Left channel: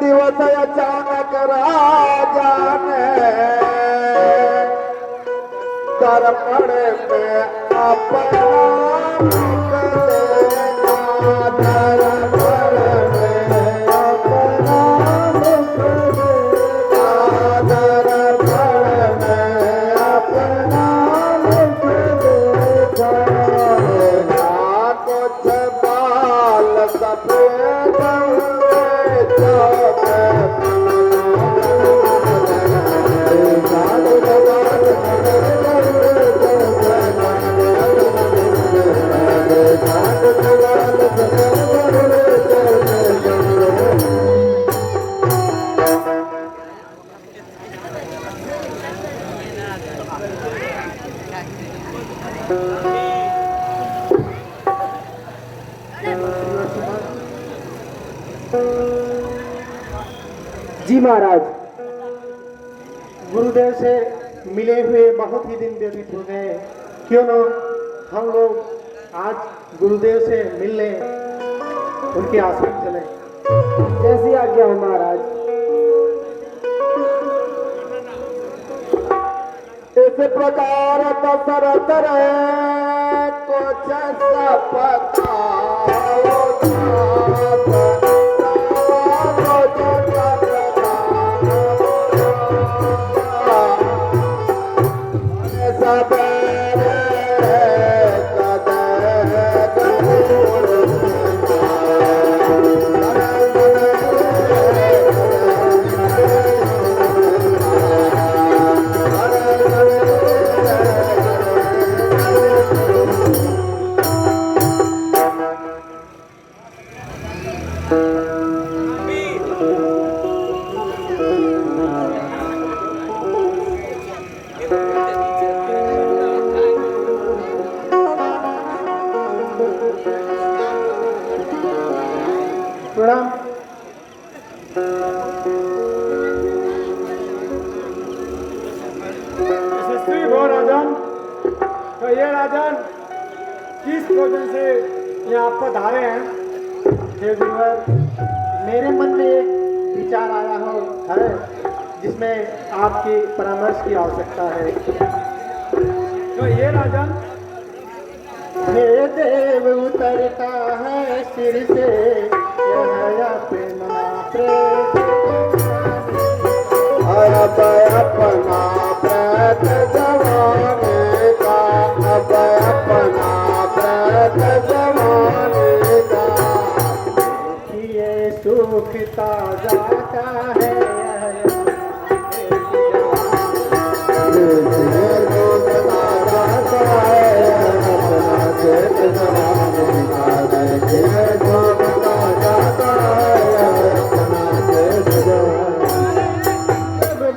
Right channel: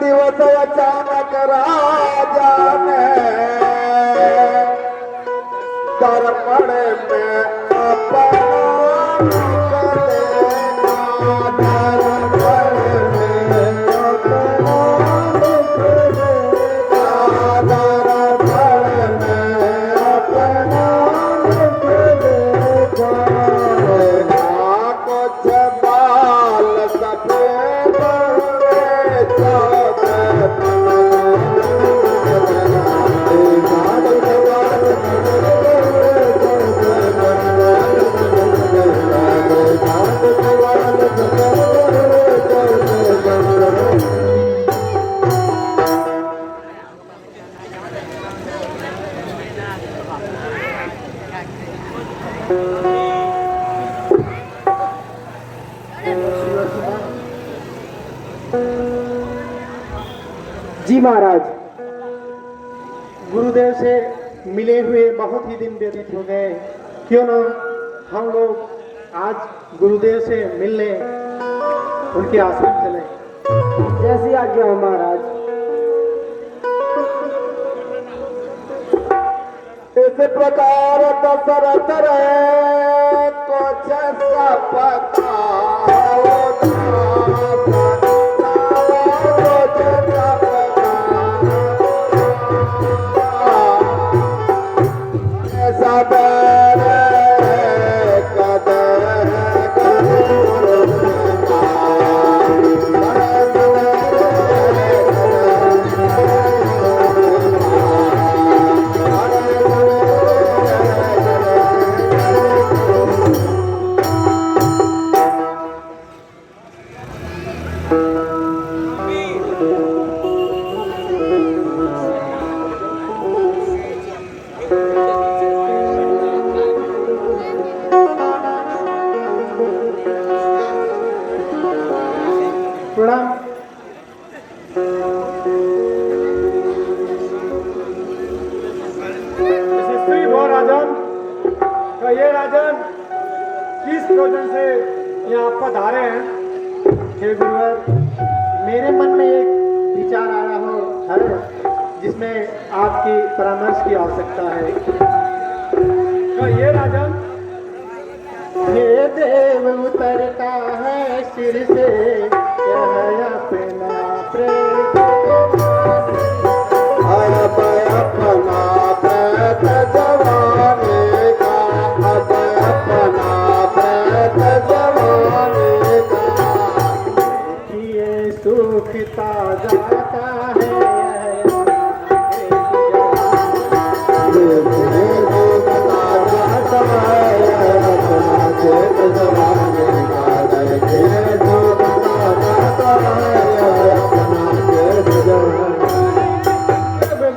दिवस अचानक राजाने दर्पण में अपना मुख देखा, दर्पण में अपना मुख देखा, दर्पण में अपना मुख देखा। कुछ बाल सफेद जी महाराज, गुरुदेव से मिले हुए बहुत ही दिन व्यतीत हो गए। क्यों ना हम लोग आज गुरुदेव से मिलने उनके आश्रम चले। जैसी आज्ञा हो महाराज। इस प्रकार दशरथ रहे कुछ सपता राजन, तो ये राजन किस भोजन से यहाँ पधारे हैं? हे गुरुवर, मेरे मन में एक विचार आया हो है जिसमें आपकी परामर्श की आवश्यकता है। तो ये राजन, हे देव उतरता है सिर से यह अपना प्रेत, अपना प्रेत जवानी का, अपना प्रेत जवानी का। ये सूखता जाता है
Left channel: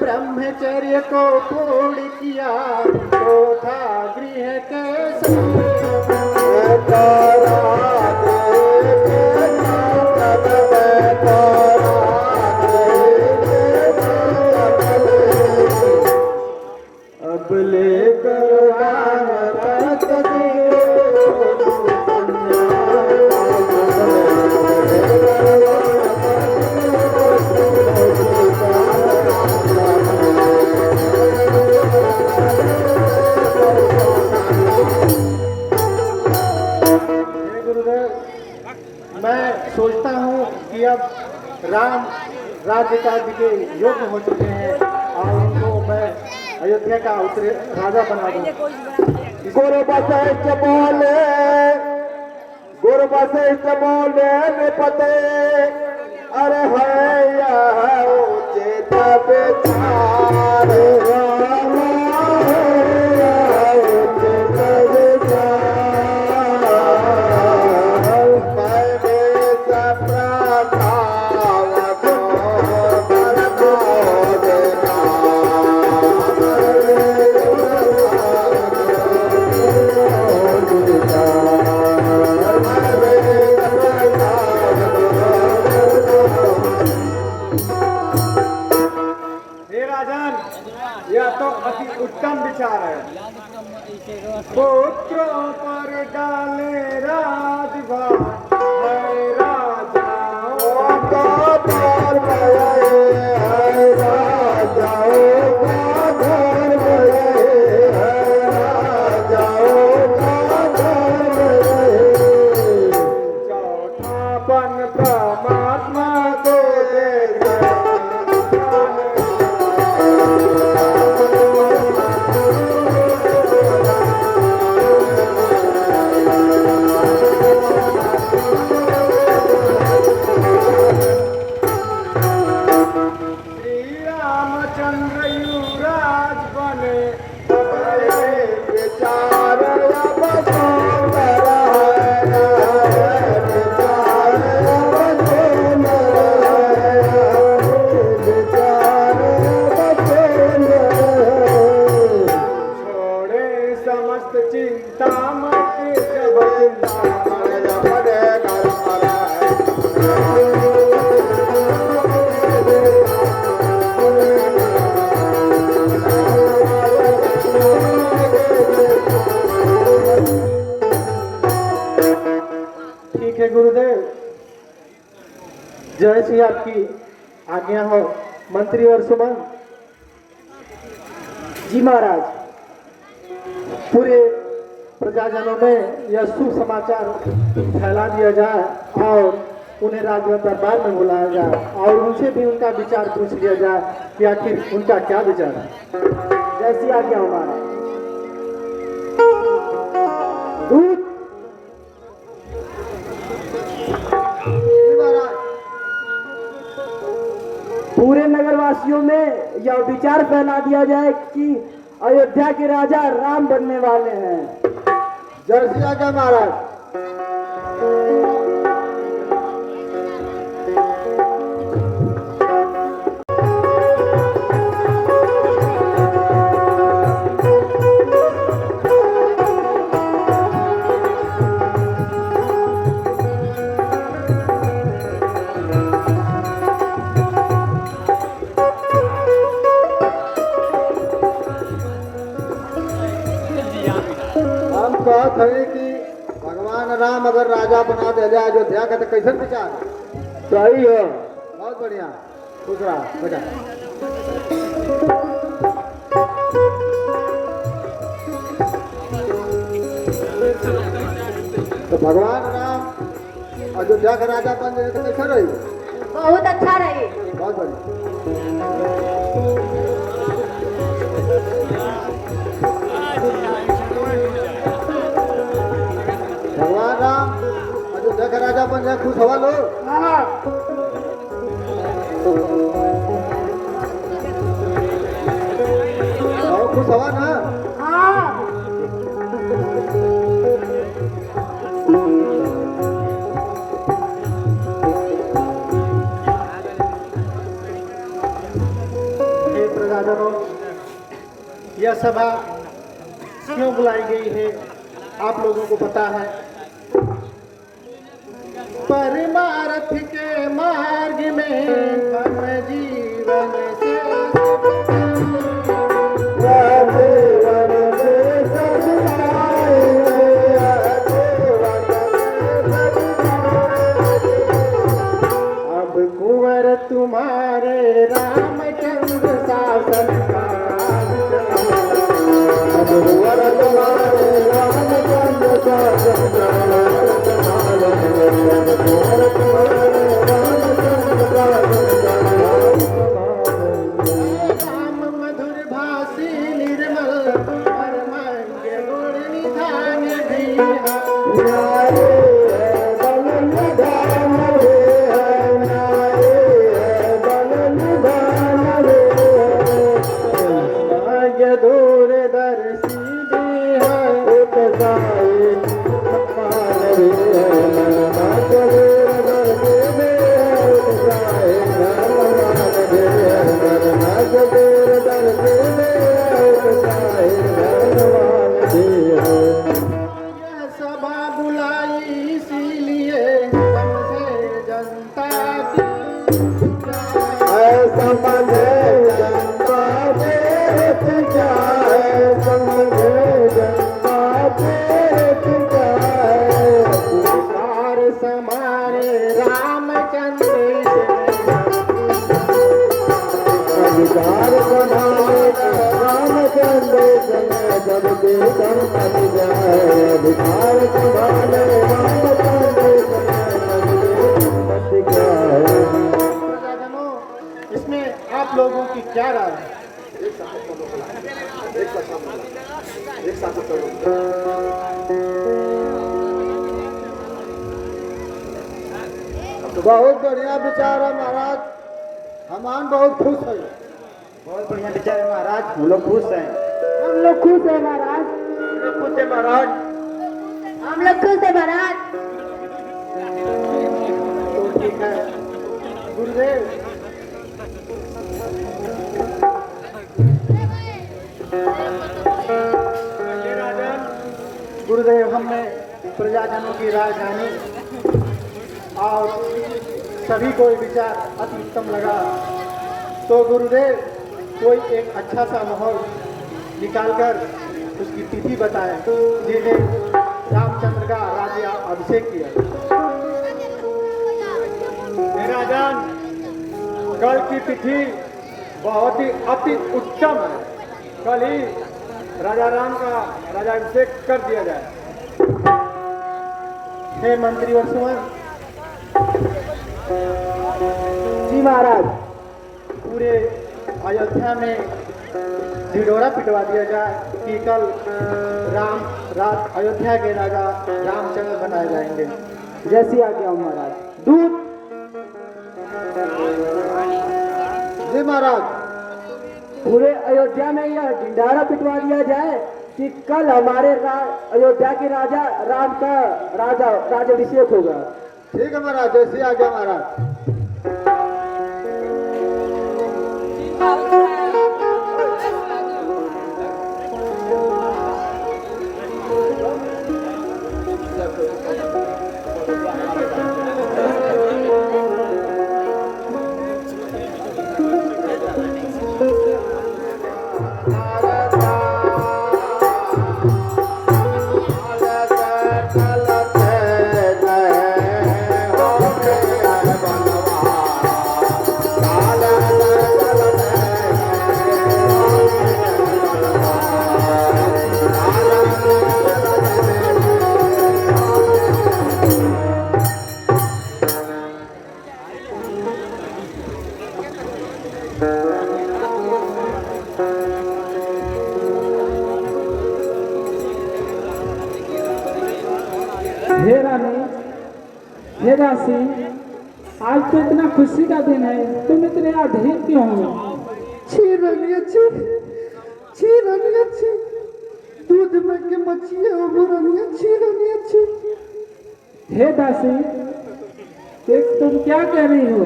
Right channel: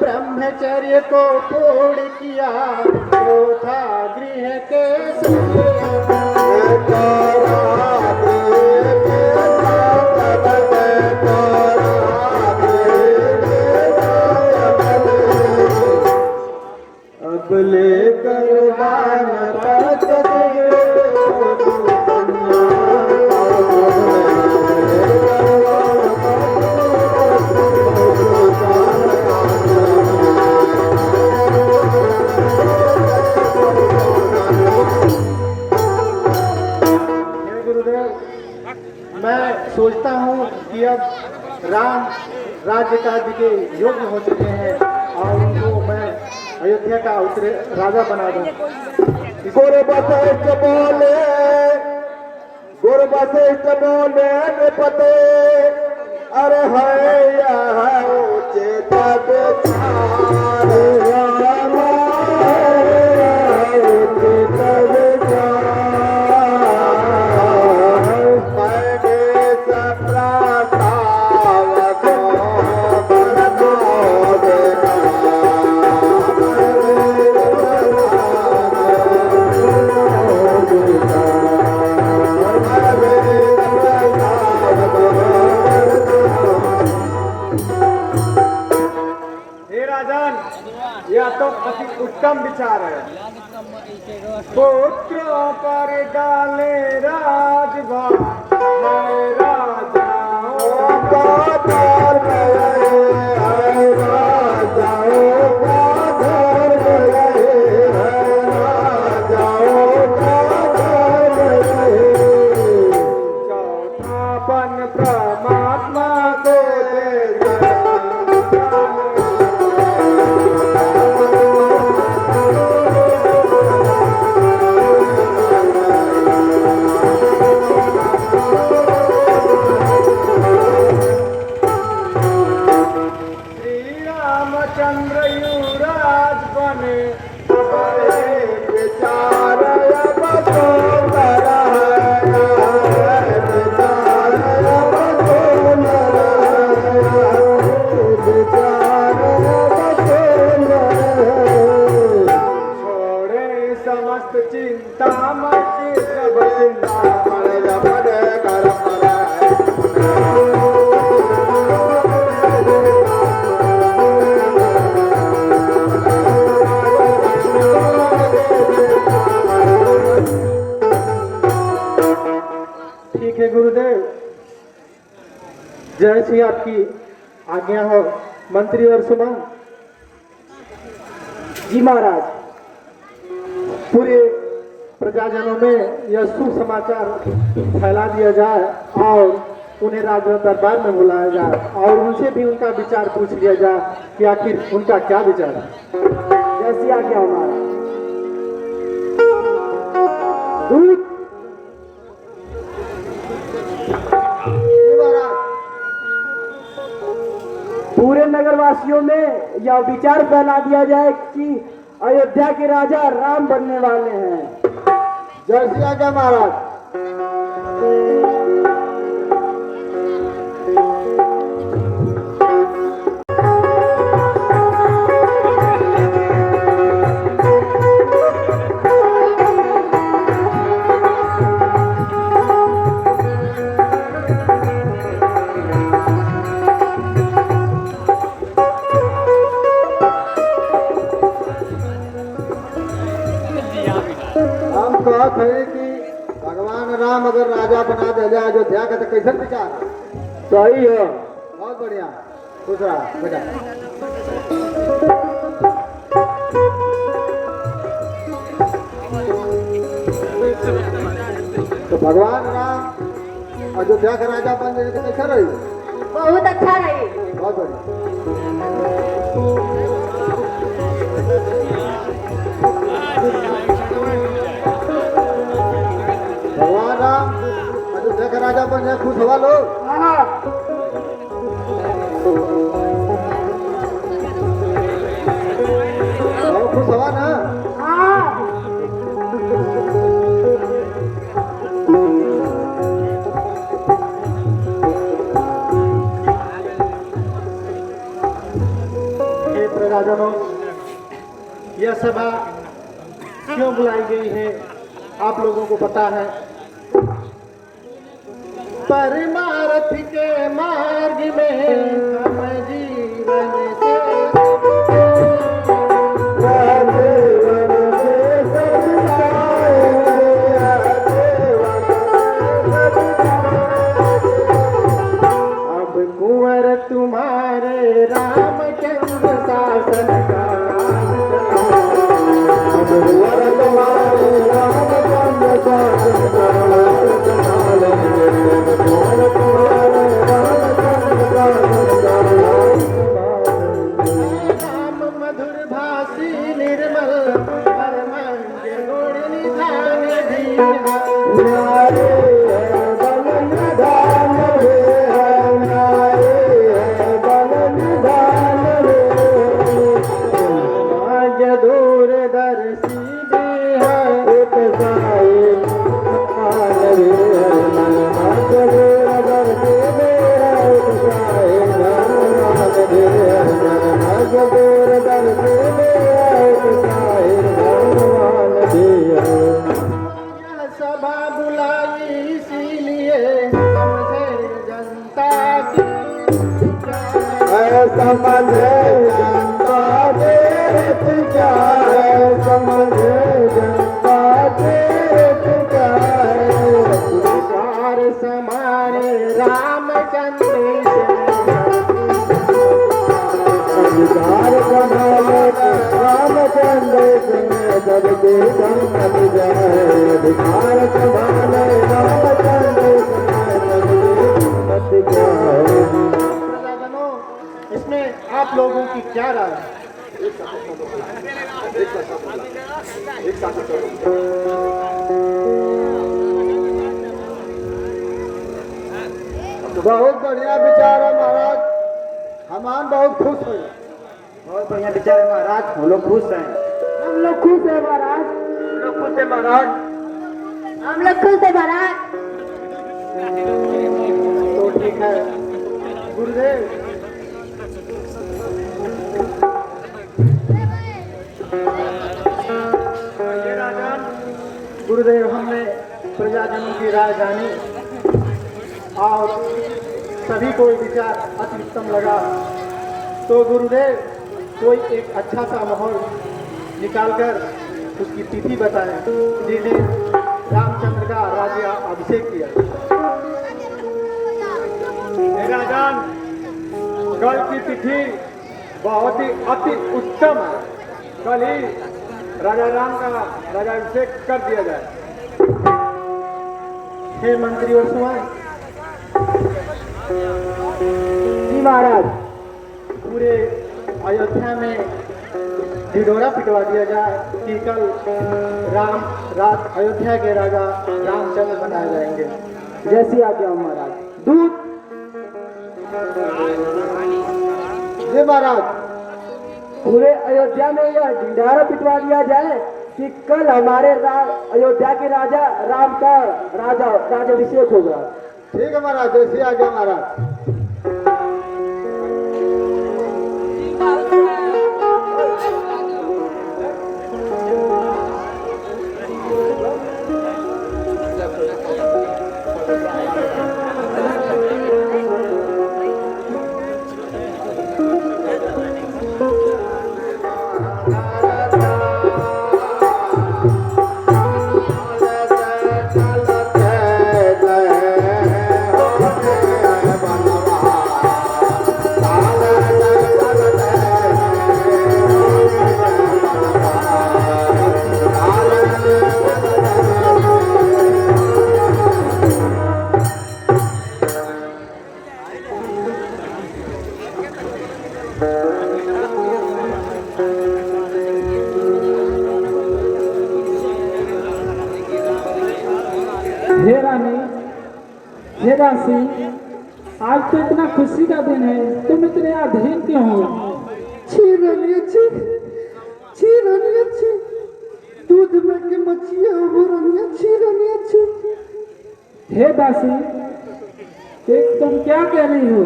ब्रह्मचर्य को पूर्ण किया तो था गृह के अब लेकर मैं सोचता हूँ कि अब राम राज्य कार्य के योग्य हो चुके हैं और उनको मैं अयोध्या का राजा बना दूँ। गुरु वशिष्ठ बोले, गुरु वशिष्ठ बोले निपते, अरे है यह उचित विचार, मैंने सब प्रस्ताव उत्तम विचार है। पुत्रों पर डाले राजभार है राजाओं का द्वार गए है राजाओं का घर गए है राजाओं का घर गए। चौथापन परमात्मा को दे रामचंद्र युवराज बने बड़े विचार अब सुंदर है विचार अब सुंदर है विचार अब सुंदर है। छोड़े समस्त चिंता मत जब चिंता ठीक है गुरुदेव, जैसी आपकी आज्ञा हो मंत्री और सुमन। जी महाराज, पूरे प्रजाजनों में यह सुसमाचार फैला दिया जाए और उन्हें राज दरबार में बुलाया जाए और उनसे भी उनका विचार पूछ लिया जाए कि आखिर उनका क्या विचार है। जैसी आज्ञा हो महाराज। दूत पूरे नगरवासियों में यह विचार फैला दिया जाए कि अयोध्या के राजा राम बनने वाले हैं। जैसी आज्ञा महाराज। हम कहत हई कि भगवान राम अगर राजा बना दे अयोध्या के तो कैसे विचार है? सही है। बहुत बढ़िया। खुश रहा बेटा। तो भगवान राम अयोध्या के राजा बन रहे तो कैसा रही? बहुत अच्छा रही। बहुत बढ़िया। भगवान राम अयोध्या का राजा बन जाए, खुश हवा लो। और खुश हवा ना। हे प्रजाजनों, यह सभा क्यों बुलाई गई है आप लोगों को पता है। परमार्थ के मार्ग में हम जीवन से अब कुंवर तुम्हारे रामचंद्र शासन का राम मधुर भाषी निर्मल परमंग गुण निधान दूर दर्शी यह सभा बुलाई इसीलिए हमसे जनता की ऐसा मन है जनता देश क्या है। आप लोगों की क्या राय है? बहुत बढ़िया विचार है महाराज, हमान बहुत खुश है। बहुत बढ़िया विचार है महाराज, हम लोग खुश हैं। हम लोग खुश है महाराज। खुश है महाराज। हम लोग खुश है महाराज। तो ठीक है गुरुदेव, गुरुदेव हमने प्रजाजनों की राय जानी और सभी को विचार अति उत्तम लगा। तो गुरुदेव कोई एक अच्छा सा माहौल निकालकर उसकी तिथि बताएं जिन्हें रामचंद्र का राज्य अभिषेक किया। मेरा जान, कल की तिथि बहुत ही अति उत्तम है। कल ही राजा राम का राजाभिषेक कर दिया जाए। हे मंत्री और सुमन, जी महाराज, पूरे अयोध्या में ढिढोरा पिटवा दिया जाए कि कल अयोध्या के राजा रामचंद्र बनाए जाएंगे। जैसी आज्ञा महाराज। दूत। जी महाराज। पूरे अयोध्या में यह ढिंढारा पिटवा दिया जाए कि कल हमारे अयोध्या के राजा राम का राजाभिषेक होगा। ठीक है महाराज, जैसी आज्ञा महाराज। हे रानी, हे दासी, आज तो इतना खुशी का दिन है, तुम इतने अधीन क्यों हो? छी रानी अच्छी, छी रानी अच्छी, दूध में के मच्छियाँ वो रानी अच्छी, रानी अच्छी। हे दासी, तुम क्या कह रही हो?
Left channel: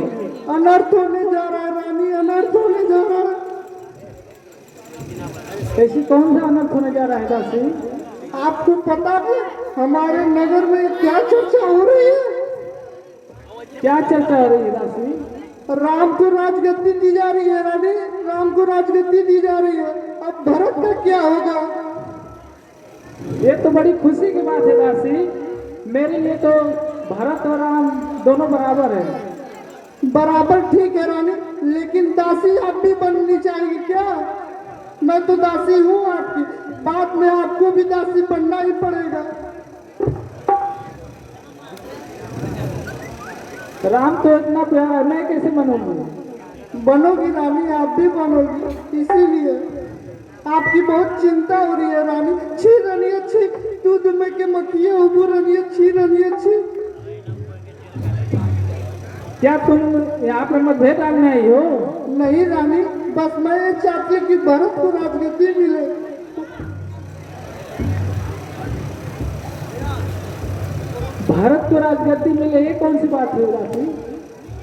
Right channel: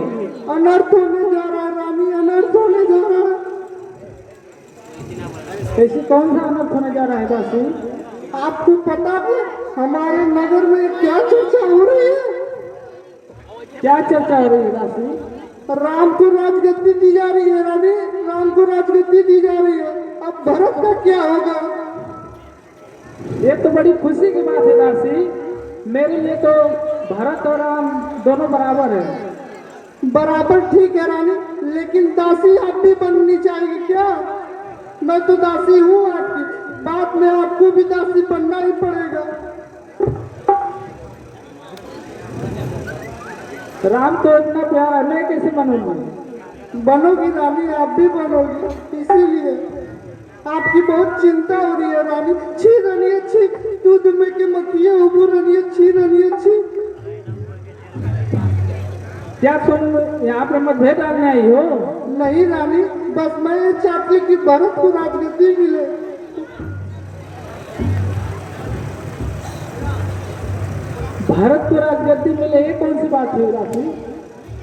अनर्थ होने जा रहा है रानी, अनर्थ होने जा रहा है। ऐसी कौन सा अनर्थ होने जा रहा है दासी? आपको पता है हमारे नगर में क्या चर्चा हो रही है? क्या चर्चा हो रही है दासी? राम को राजगद्दी दी जा रही है रानी, राम को राजगद्दी दी जा रही है। अब भरत का क्या होगा? ये तो बड़ी खुशी की बात है दासी। मेरे लिए तो भरत और राम दोनों बराबर है। बराबर ठीक है रानी, लेकिन दासी आप भी बननी चाहिए क्या? मैं तो दासी हूँ आपकी, बाद में आपको भी दासी बनना ही पड़ेगा। राम तो इतना प्यारा, मैं कैसे बनूंगी? बनोगी रानी, आप भी बनोगी, इसीलिए आपकी बहुत चिंता हो रही है रानी। छी रानी अच्छी, दूध में के मक्खियाँ उबू रानी अच्छी, रानी अच्छी। क्या तुम यहाँ पे मतभेद डालने आई हो? नहीं रानी, बस मैं ये चाहती हूँ कि भरत को राजगद्दी मिले। भारत को राजगद्दी मिले, ये कौन सी बात हुई दासी?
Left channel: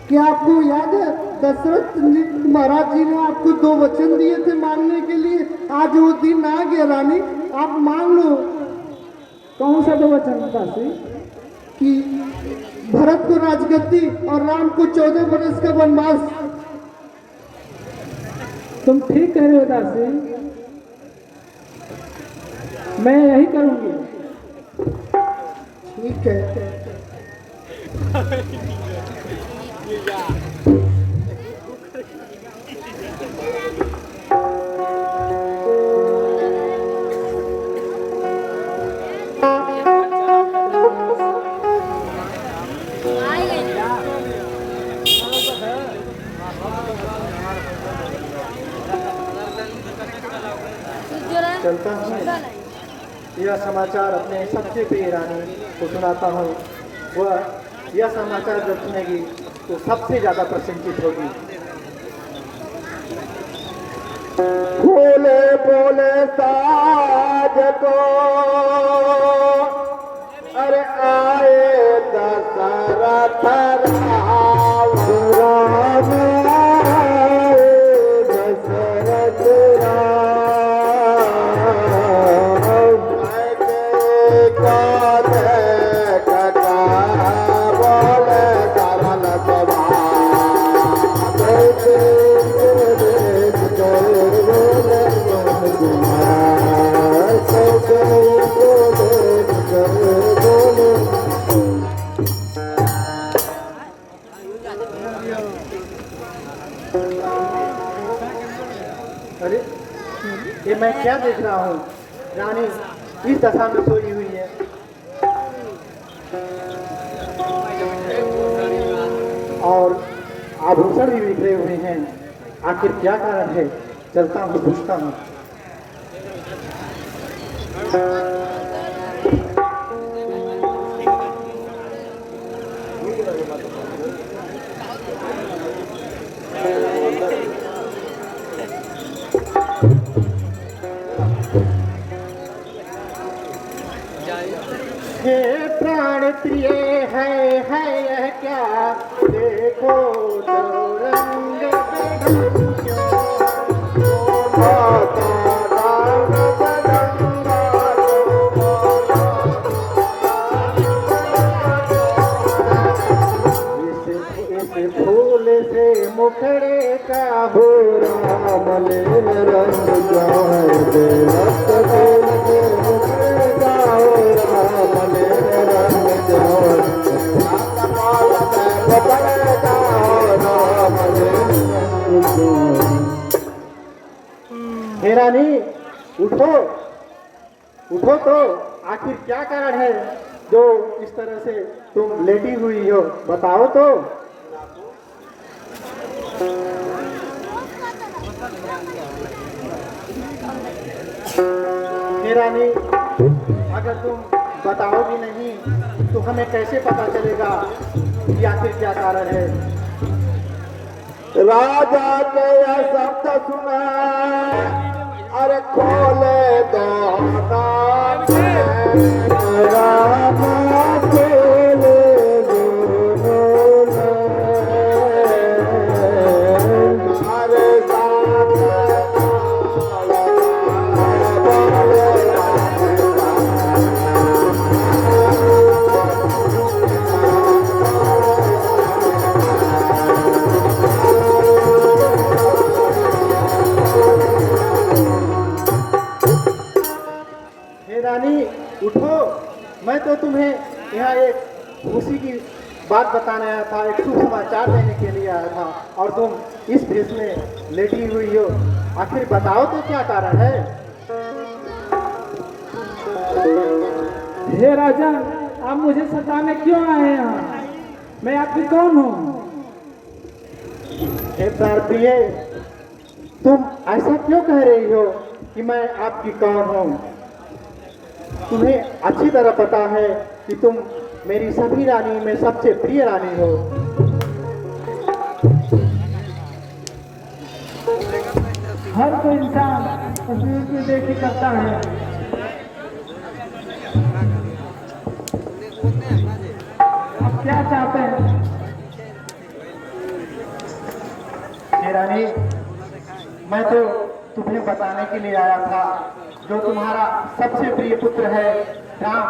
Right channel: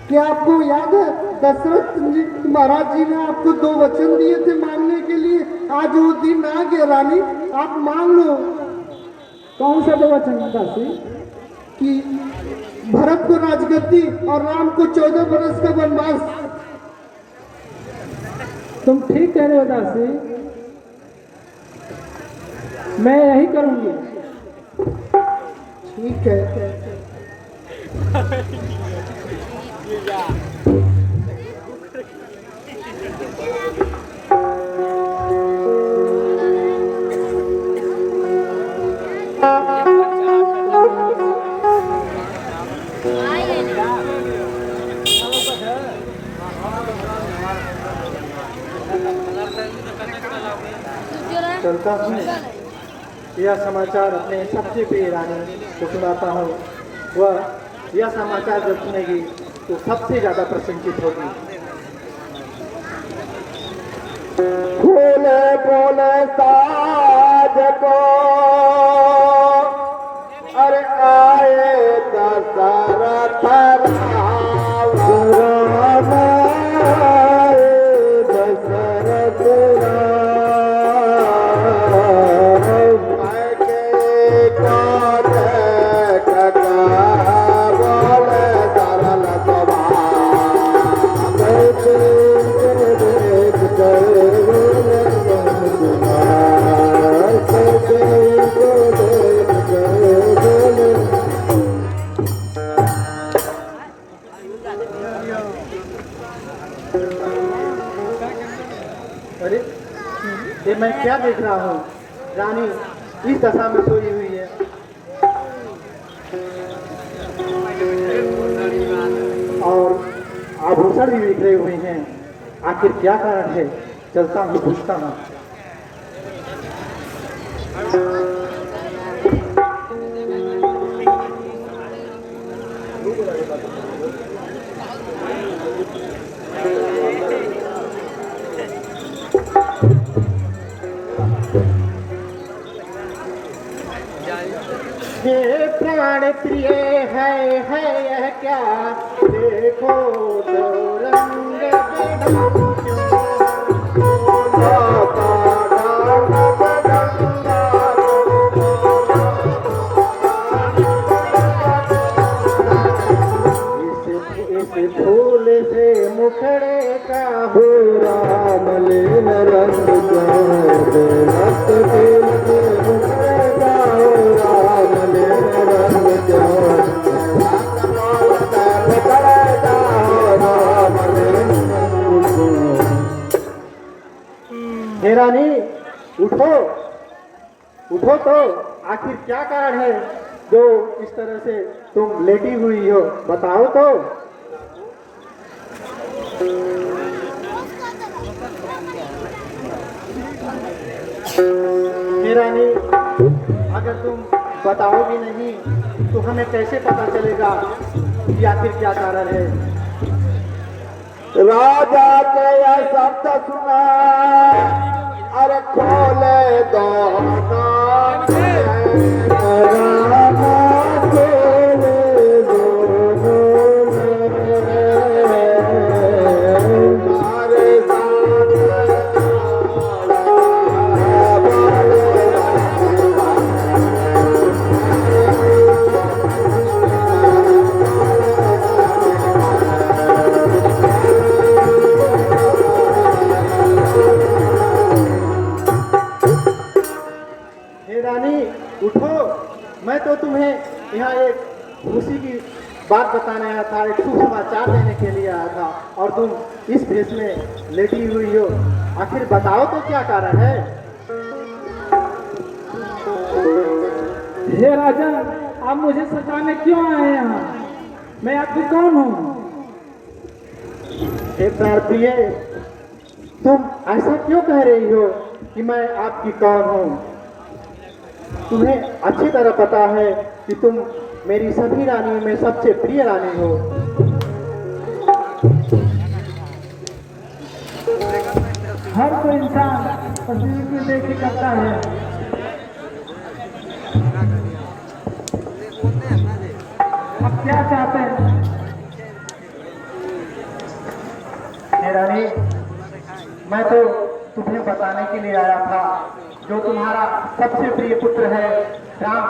क्या आपको याद है दशरथ जी महाराज जी ने आपको 2 वचन दिए थे मांगने के लिए? आज वो दिन आ गया रानी, आप मांग लो। कौन सा 2 वचन दासी? कि भरत को राजगद्दी और राम को 14 वर्ष का वनवास। तुम ठीक कह रहे हो दासी, मैं यही करूंगी। ठीक है। चलता हूँ, यह समाचार अपने सबसे प्रिय रानी को सुनाता हूँ। वह यह समाचार जो सुनेगी तो सबसे ज्यादा प्रसन्नचित होगी। फूले बोले साज को अरे आए दशरथ राम आए दशरथ राम के कांधे कका बोले सरल अरे ये मैं क्या देख रहा हूँ? रानी इस दशा में सोई हुई है। और आभूषण भी बिखरे हुए हैं। आखिर क्या कारण है? चलता हूँ, पूछता हूँ। हे प्राण प्रिय है यह क्या? देखो तो रंग इस फूल से मुखड़े का हो राम लील रंग रक्त फूल से मुखड़े का हो राम लील रंग हे रानी उठो उठो तो, आखिर क्या कारण है जो इस तरह से तुम लेटी हुई हो? बताओ तो। हे रानी, अगर तुम बताओगी नहीं तो हमें कैसे पता चलेगा कि आखिर क्या कारण है? राजा के यह शब्द सुना अरे खोले दो रामा खोले दो मारे उठो, मैं तो तुम्हें यहाँ एक खुशी की बात बताने आया था, एक शुभ समाचार देने के लिए आया था और तुम इस भेष में लेटी हुई हो। आखिर बताओ तो क्या कारण है? हे राजा, आप मुझे सताने क्यों आए यहाँ? मैं आपकी कौन हूँ? हे प्रार्थी, तुम ऐसा क्यों कह रही हो कि मैं आपकी कौन हूँ? तुम्हें अच्छी तरह पता है कि तुम मेरी सभी रानियों में सबसे प्रिय रानी हो। हर कोई इंसान तस्वीर को देख के करता है। अब क्या चाहते हैं? हे रानी, मैं तो तुम्हें बताने के लिए आया था, जो तुम्हारा सबसे प्रिय पुत्र है राम,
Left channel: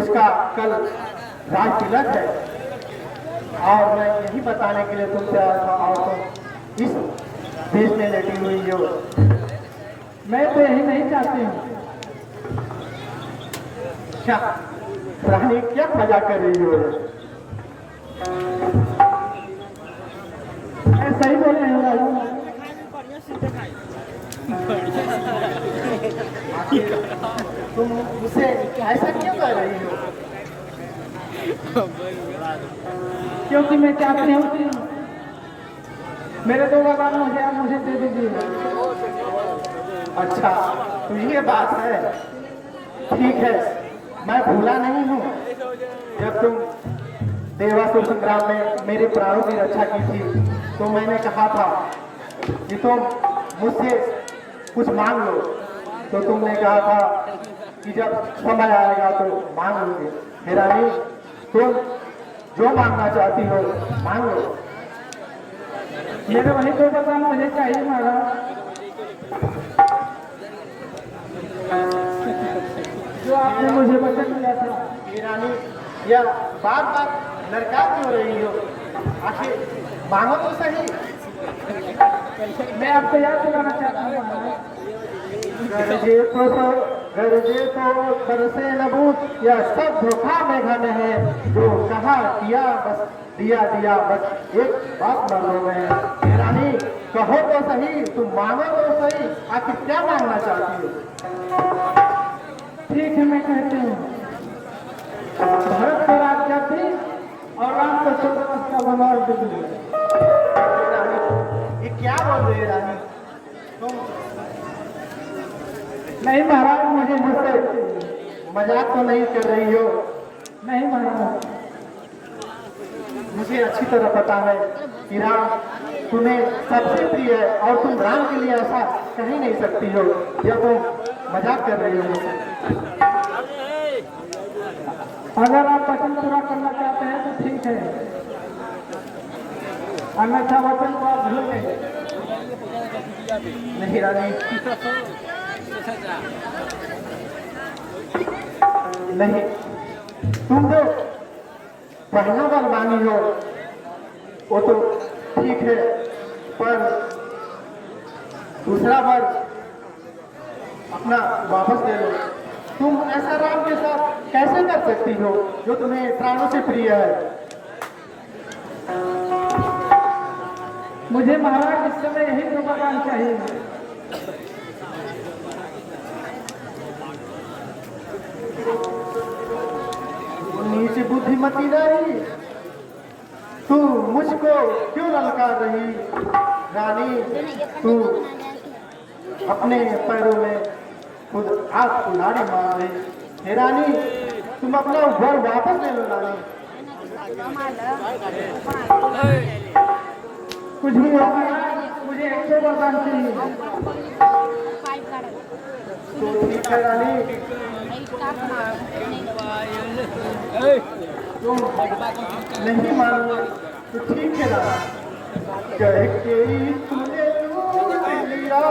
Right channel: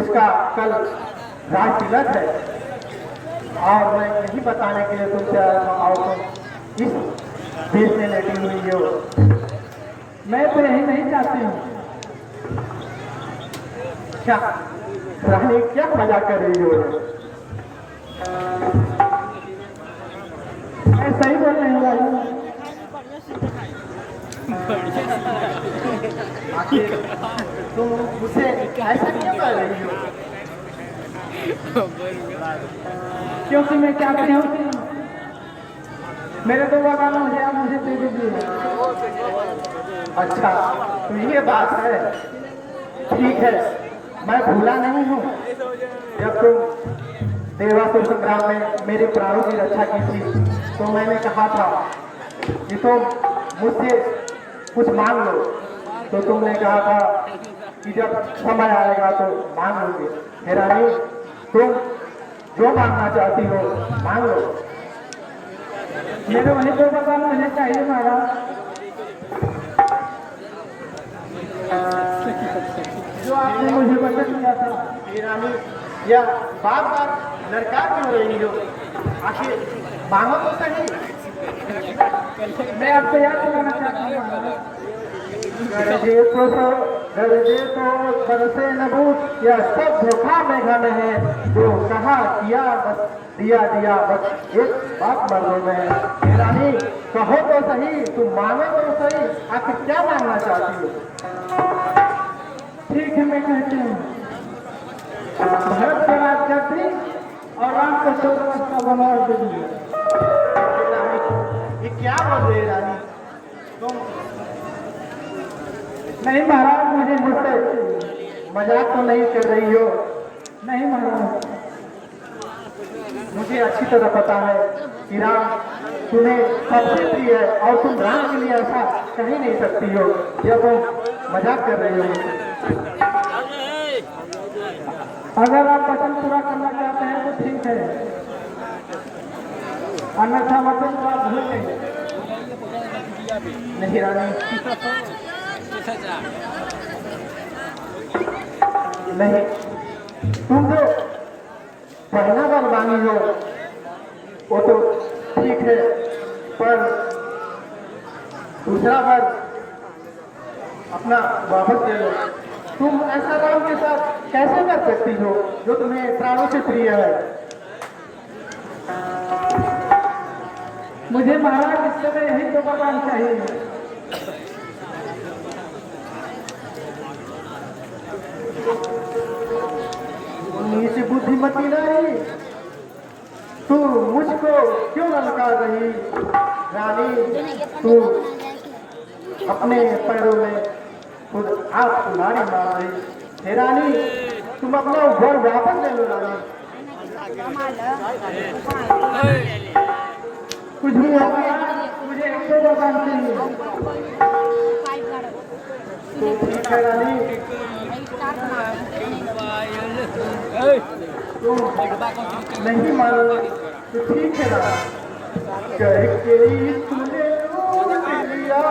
उसका कल राज तिलक है और मैं यही बताने के लिए तुमसे आया था और तुम इस देश में लेटी हुई हो। मैं तो यही नहीं चाहती हूँ। क्या रानी, क्या मजाक कर रही हो? मैं सही बोल रही हूँ राजा। तुम मुझसे ऐसा क्यों कर रही हो? क्योंकि मैं चाहती हूँ कि मेरे 2 गाना मुझे दे दीजिए। अच्छा, तो ये बात है। ठीक है, मैं भूला नहीं हूँ। जब तुम देवासुर संग्राम में मेरे प्राणों की रक्षा की थी, तो मैंने कहा था कि तुम मुझसे कुछ मांग लो। तो तुमने कहा था कि जब समय आएगा तो मांग लूंगी। हे रानी, तुम जो मांगना चाहती हो मांग लो। मेरे वही 2 गाना मुझे चाहिए महाराज, जो आपने मुझे वचन दिया था। हे रानी, यह बार बार लड़का क्यों रही हो? आखिर मांगो तो सही। मैं आपको याद दिलाना चाहता हूँ महाराज। गरजे तो बरसे नबूत, यह सब धोखा में घन है। जो कहा किया बस दिया दिया, बस एक बात मरनो में है। हे रानी, कहो तो सही, तुम मांगो तो सही, आखिर क्या मांगना चाहती हो? ठीक है, मैं कहती हूँ, भारत का राज करती और राम को 14 वर्ष का वनवास दे दिया। ये क्या बोल रहे रानी? तुम नहीं महाराज, मुझे मुझसे मजाक तो नहीं कर रही हो? नहीं महाराज, मुझे अच्छी तरह पता है कि राम तुम्हें सबसे प्रिय है और तुम राम के लिए ऐसा कह ही नहीं सकती हो। यह तुम मजाक कर रही हो। अगर आप वचन पूरा करना चाहते हैं तो ठीक है, अन्यथा वचन को आप भूल गए। नहीं रानी, नहीं, तुम तो पहला बार मांगी हो वो तो ठीक है, पर दूसरा बार अपना वापस ले लो। तुम ऐसा राम के साथ कैसे कर सकती हो जो तुम्हें प्राणों से प्रिय है? मुझे महाराज इस समय यही 2 गाना चाहिए। नीचे बुद्धिमती रानी, तू मुझको क्यों ललकार रही? रानी, तू अपने पैरों में खुद हाथ कुल्हाड़ी मार रही। हे रानी, तुम अपना घर वापस ले लो रानी। कुछ भी हो गया, मुझे 2 गाना चाहिए। तो ठीक है रानी, तुम नहीं मानो तो ठीक है रानी। करके तूने लिया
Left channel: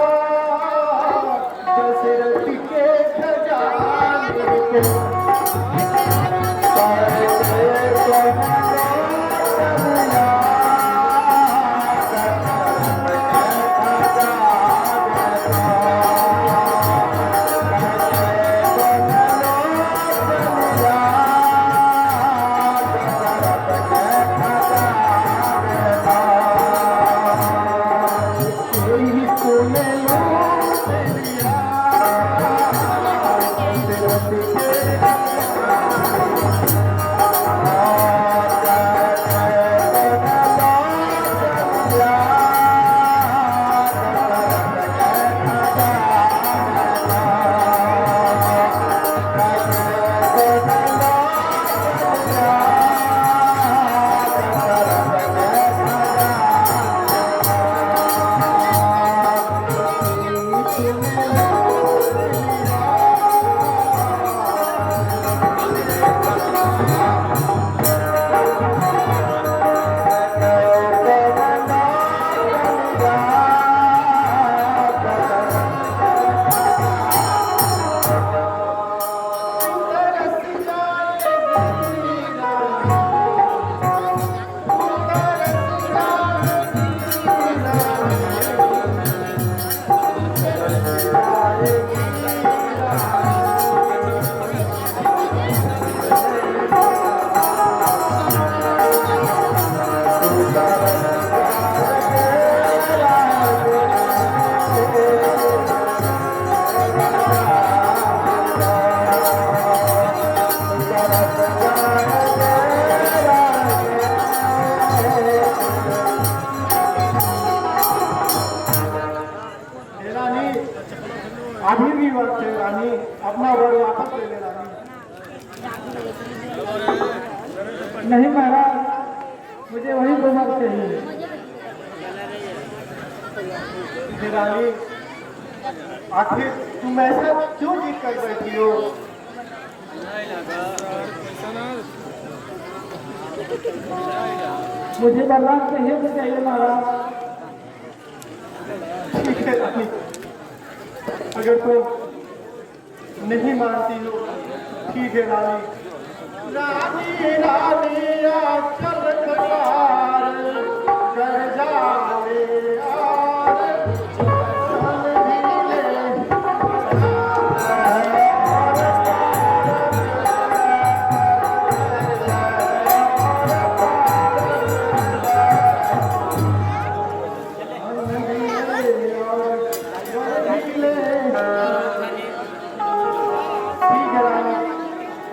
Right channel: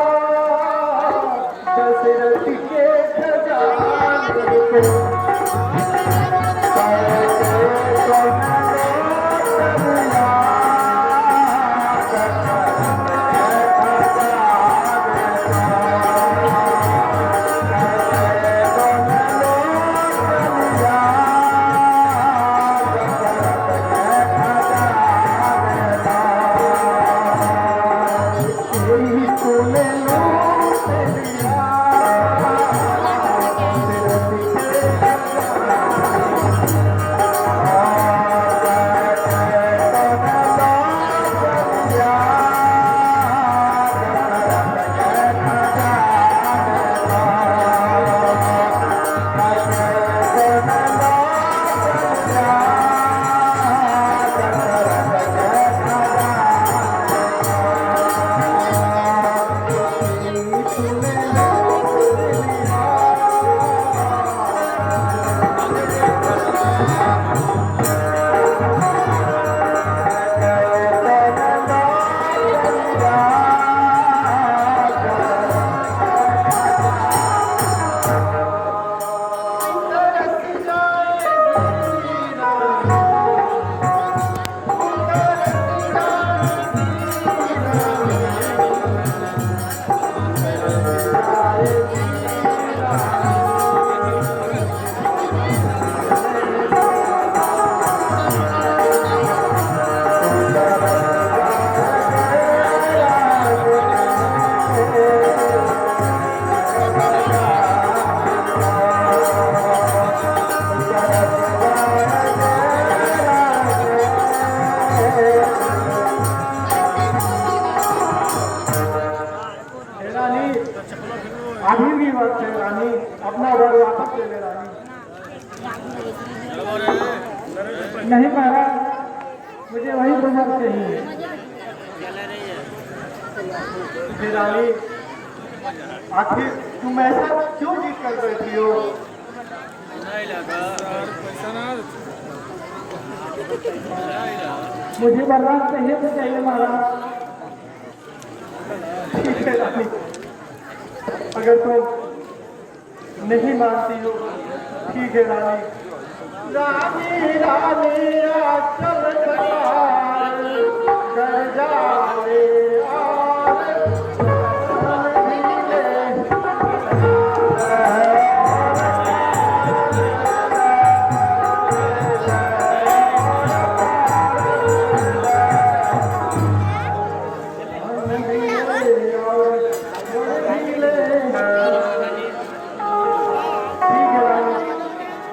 दशरथ के खजाने को, अभी भी वक्त है रानी, अपना वर वापस ले ले रानी। नहीं महाराज, मुझे वही वर चाहिए। फिर रानी, आखिर तुम ऐसा क्यों जिद कर बैठी हो? मुझे वरदान चाहिए तो चाहिए महाराज। ठीक है रानी, अगर तो नहीं मानती हो, ठीक है रानी। रानी रानी अक्सर कतार कर जाए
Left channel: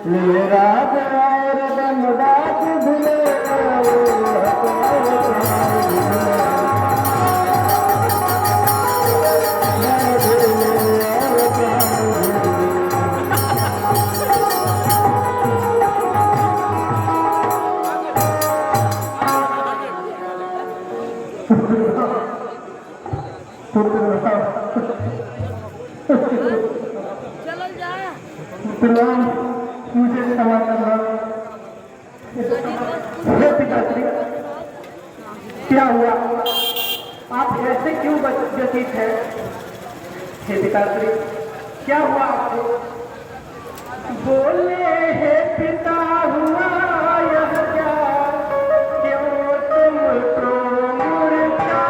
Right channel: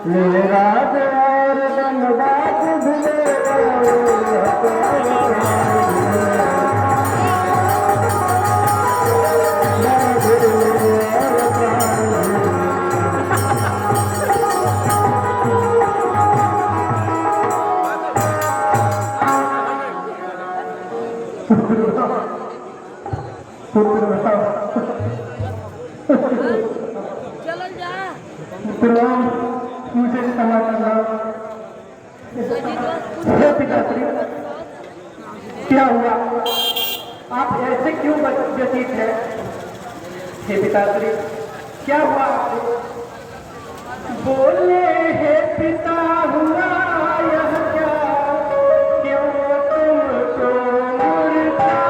मेरा और धनबाद भूले मुझे समाचार पिताश्री, क्या हुआ? आप ऐसे क्यों व्यतीत है? हे पिताश्री, क्या हुआ आपको? बोले हे पिता, हुआ यह क्या? क्यों तुमको मुरझाई है गौतम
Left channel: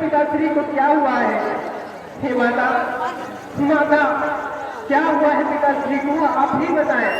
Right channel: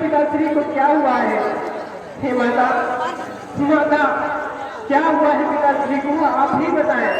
पिताश्री को क्या हुआ है? हे माता, माता क्या हुआ है पिताश्री को? आप ही बताएं।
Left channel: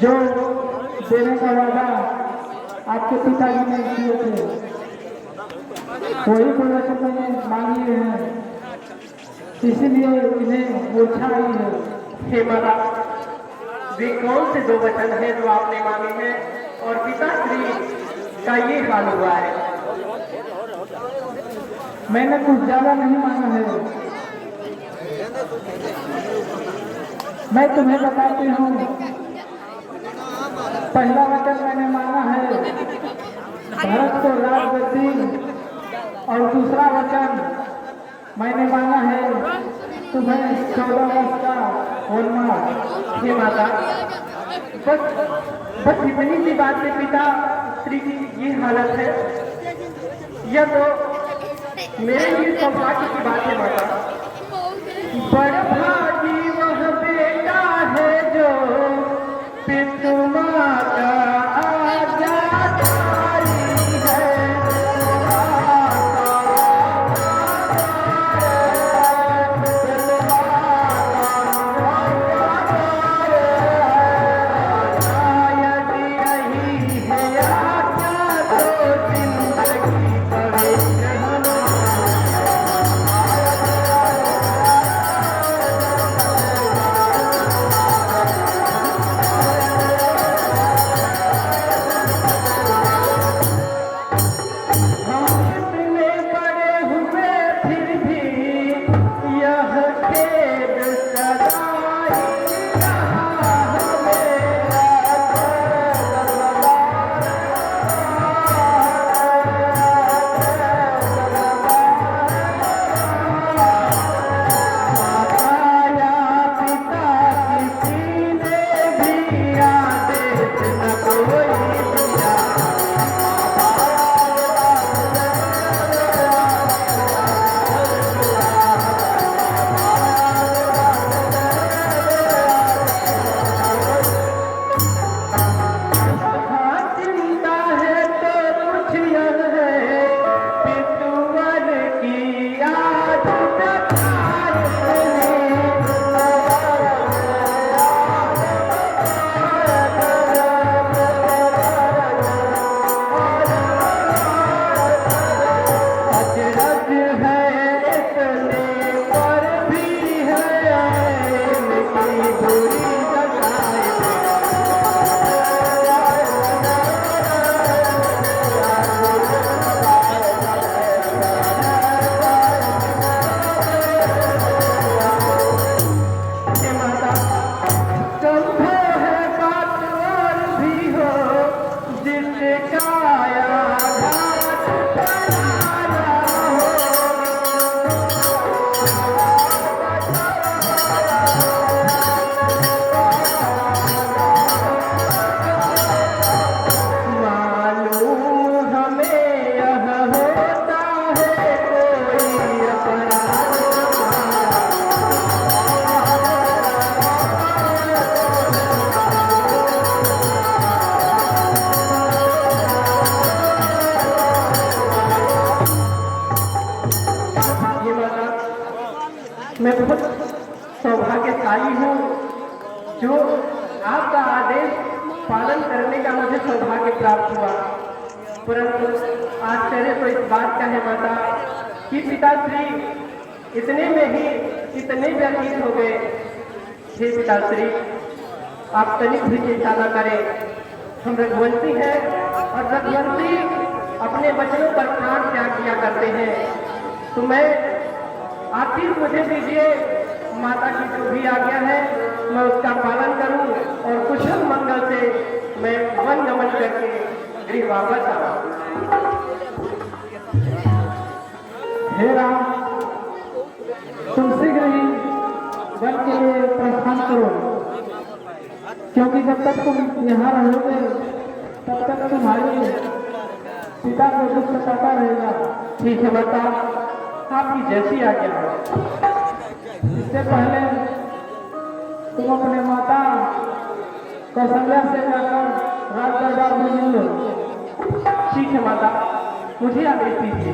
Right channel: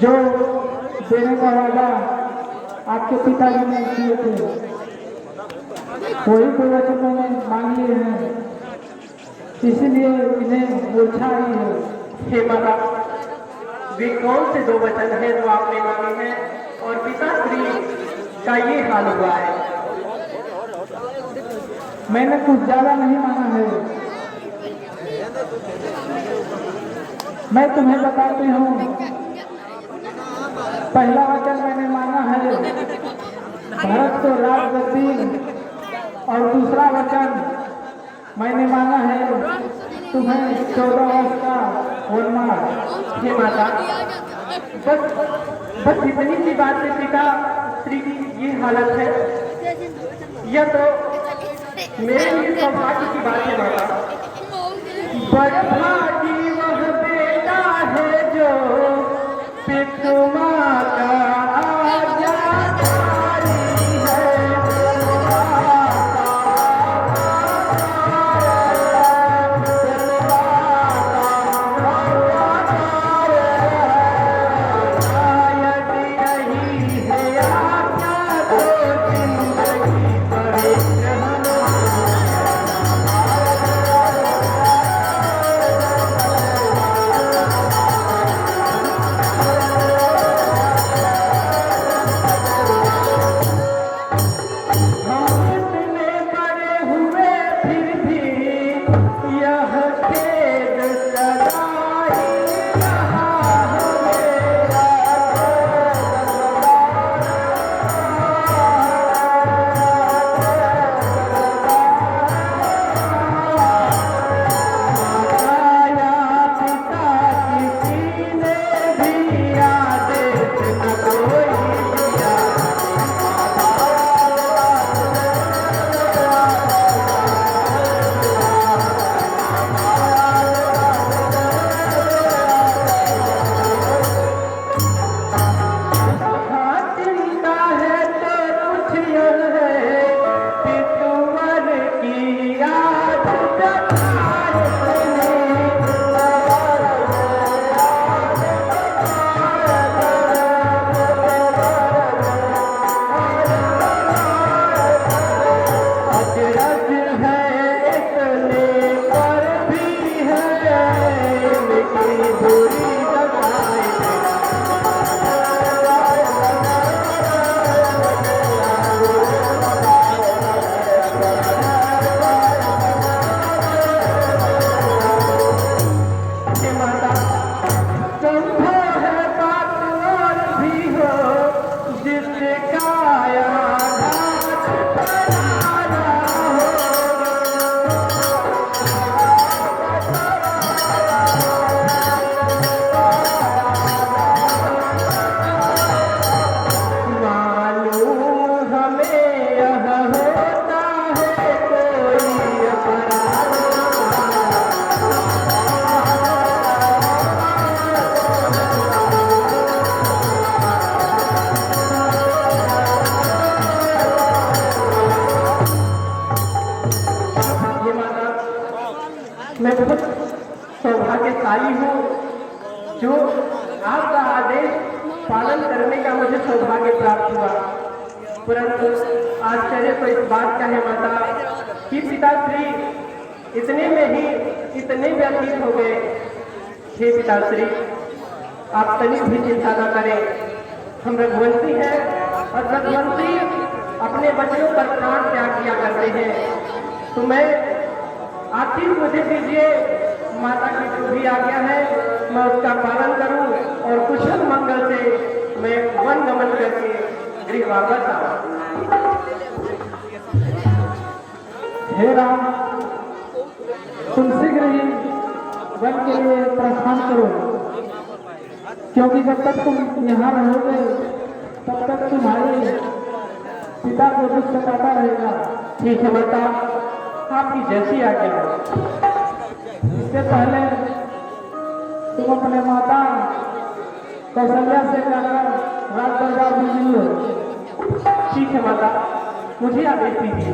जो देने का वादा आपके पिताजी ने किए थे, वही कोई वचन मैंने मांग लिए हैं, इसीलिए इन्हें मूर्छा आई है। हे माता, वे कौन से जो वचन है जो आपने मांगे हैं और पिताश्री का ये हाल हुआ है? मैंने कुछ ज्यादा नहीं मांगा है। मैं तुम्हें बताती हूँ। पहला वचन मैंने मांगा है भारत को राजगद्दी, और दूसरा वचन मैंने मांगा है तुम्हें 14 वर्ष का वनवास। हे माता, बस इतनी सी बात से पिता श्री की ये हालत है। यह तो मेरी सौभाग्य की बात है माता। बदभागी वह बेटा है जो पितुमा का आज्ञाकारी है। मैं बहुत सौभाग्यशाली हूँ जो आपका आदेश पालन करने का मुझे सौभाग्य प्राप्त हुआ। परंतु आश्चर्य तो इस बात का है माता कि पिताश्री इतने में ही इतने व्यतीत हो गए। हे पिताश्री, आप तनिक भी चिंता न करें। हम रघुवंशी हैं और रघुवंशी अपने बच्चों पर प्राण त्याग किया करते हैं। तो मैं आखिर मुझे दीजिए, माता की जो भी आज्ञा है मैं उसका पालन करूं और कुशल मंगल से मैं वन गमन करके गृह वापस आऊं। हे राम, तुम शीघ्र ही वन के लिए प्रस्थान करो, क्योंकि जब तक तुम यहाँ रहोगे तब तक तुम्हारे पिता को दुख सताता रहेगा। ठीक है माता, आपकी जैसी आज्ञा है। इससे पहले तुम अपने माता कौशल्या से जाकर राज दरबार में मिलो। ठीक है माता, मुझे आदेश दीजिए।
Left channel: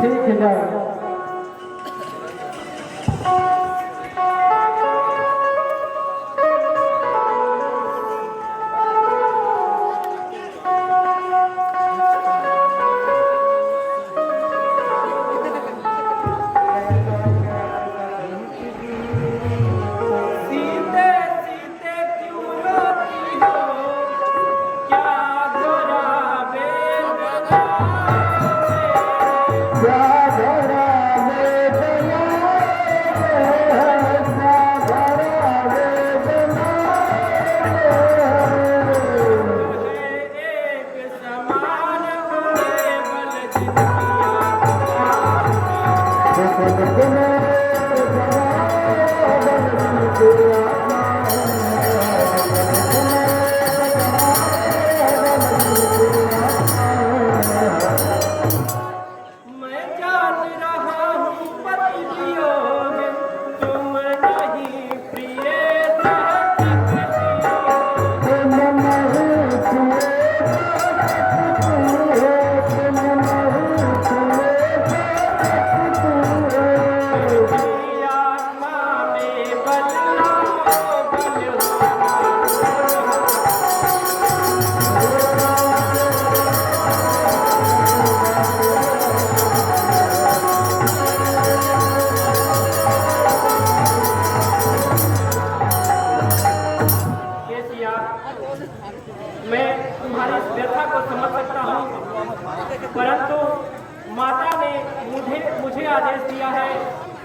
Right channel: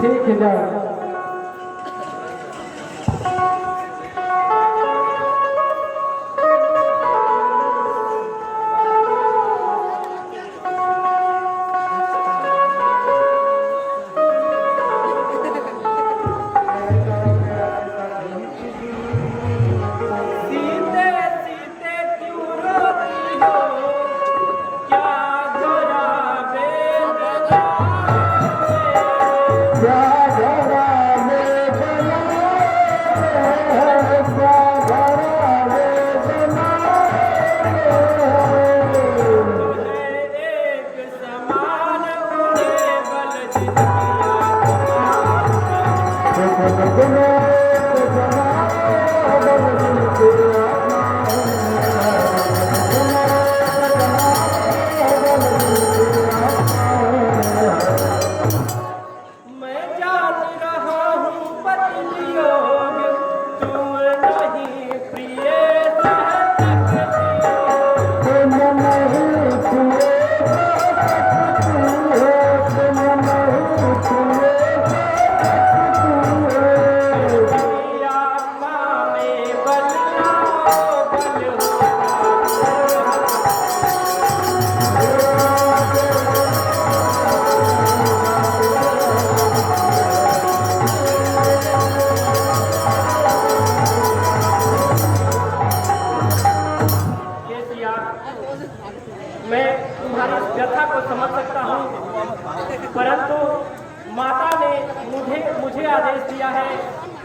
ठीक है, जाओ। जरा व्यथा को समझ सकता हूँ, परंतु माता ने मुझे आदेश दिया है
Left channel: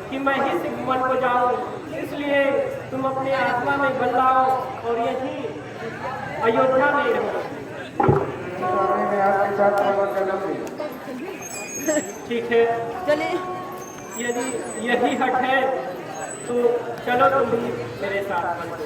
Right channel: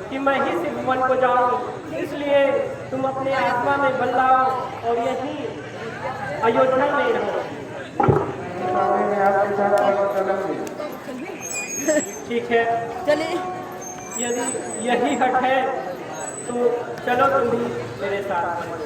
कि मैं ही सिर्फ वन को जाऊँ, इसलिए तुम अपने आत्मा में बल लाओ और यहीं अयोध्या में रहो। ठीक है, चलिए यदि यही हट है तो चलो तुम भी मेरे साथ वन को।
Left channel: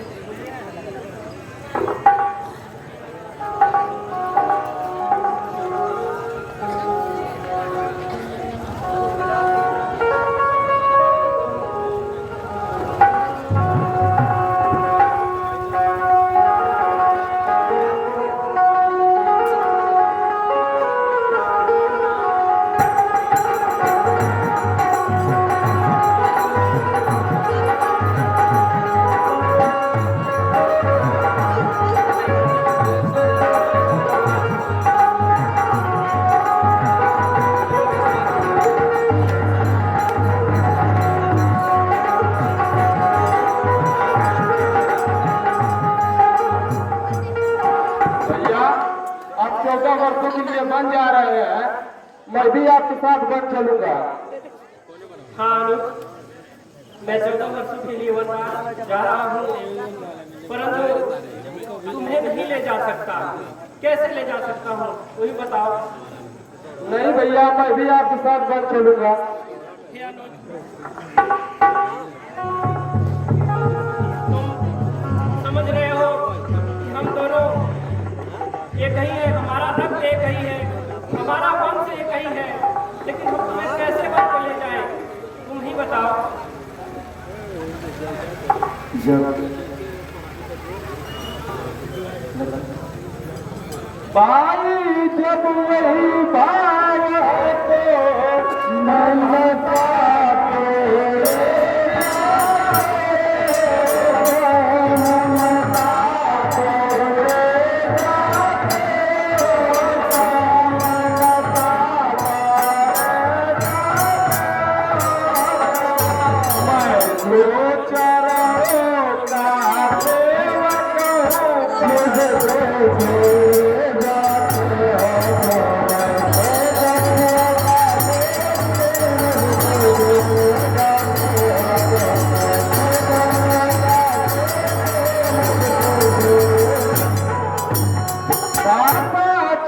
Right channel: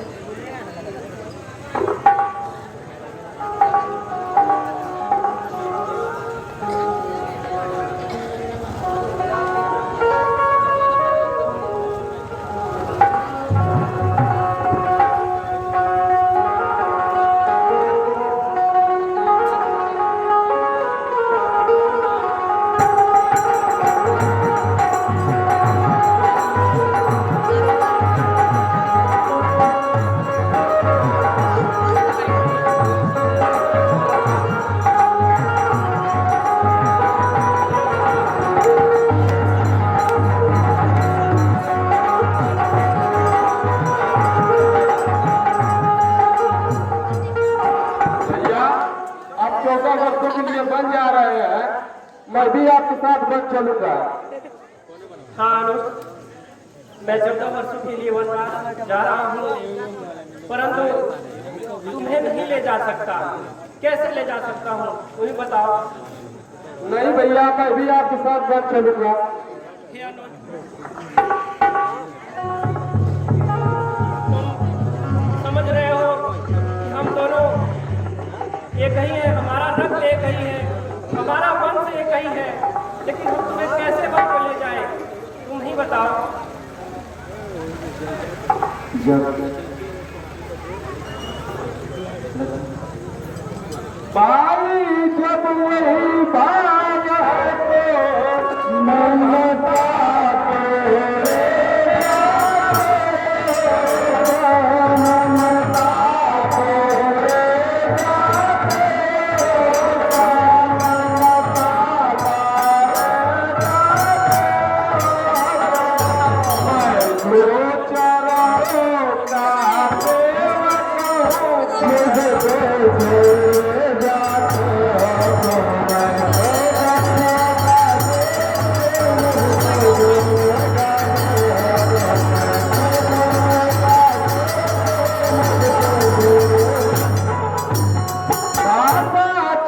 आप 14 वर्षों के लिए बन जा रहे हैं, मैं भी आपके साथ बन चलूंगा। हाँ अनुप, मैं 14 वर्षों के लिए वनवास जा रहा हूँ, परंतु तुम्हें नहीं ले जा सकता। कैसे ले जा सकता हूँ वही बताओ। नहीं भैया, मैं भी आपके साथ बन चलूंगा। हे अनुज, तुम समझ रहे हो कि हम दोनों एक ही है, हमारा रक्त एक ही है, हमारा वंश एक ही है, लेकिन हम तुम्हें कैसे वन पे ले जाएं? तुम ही बताओ। भाई जब वही बात है तो ममता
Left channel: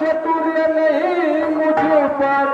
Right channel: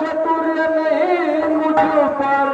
चतुर्य नहीं मुझ पर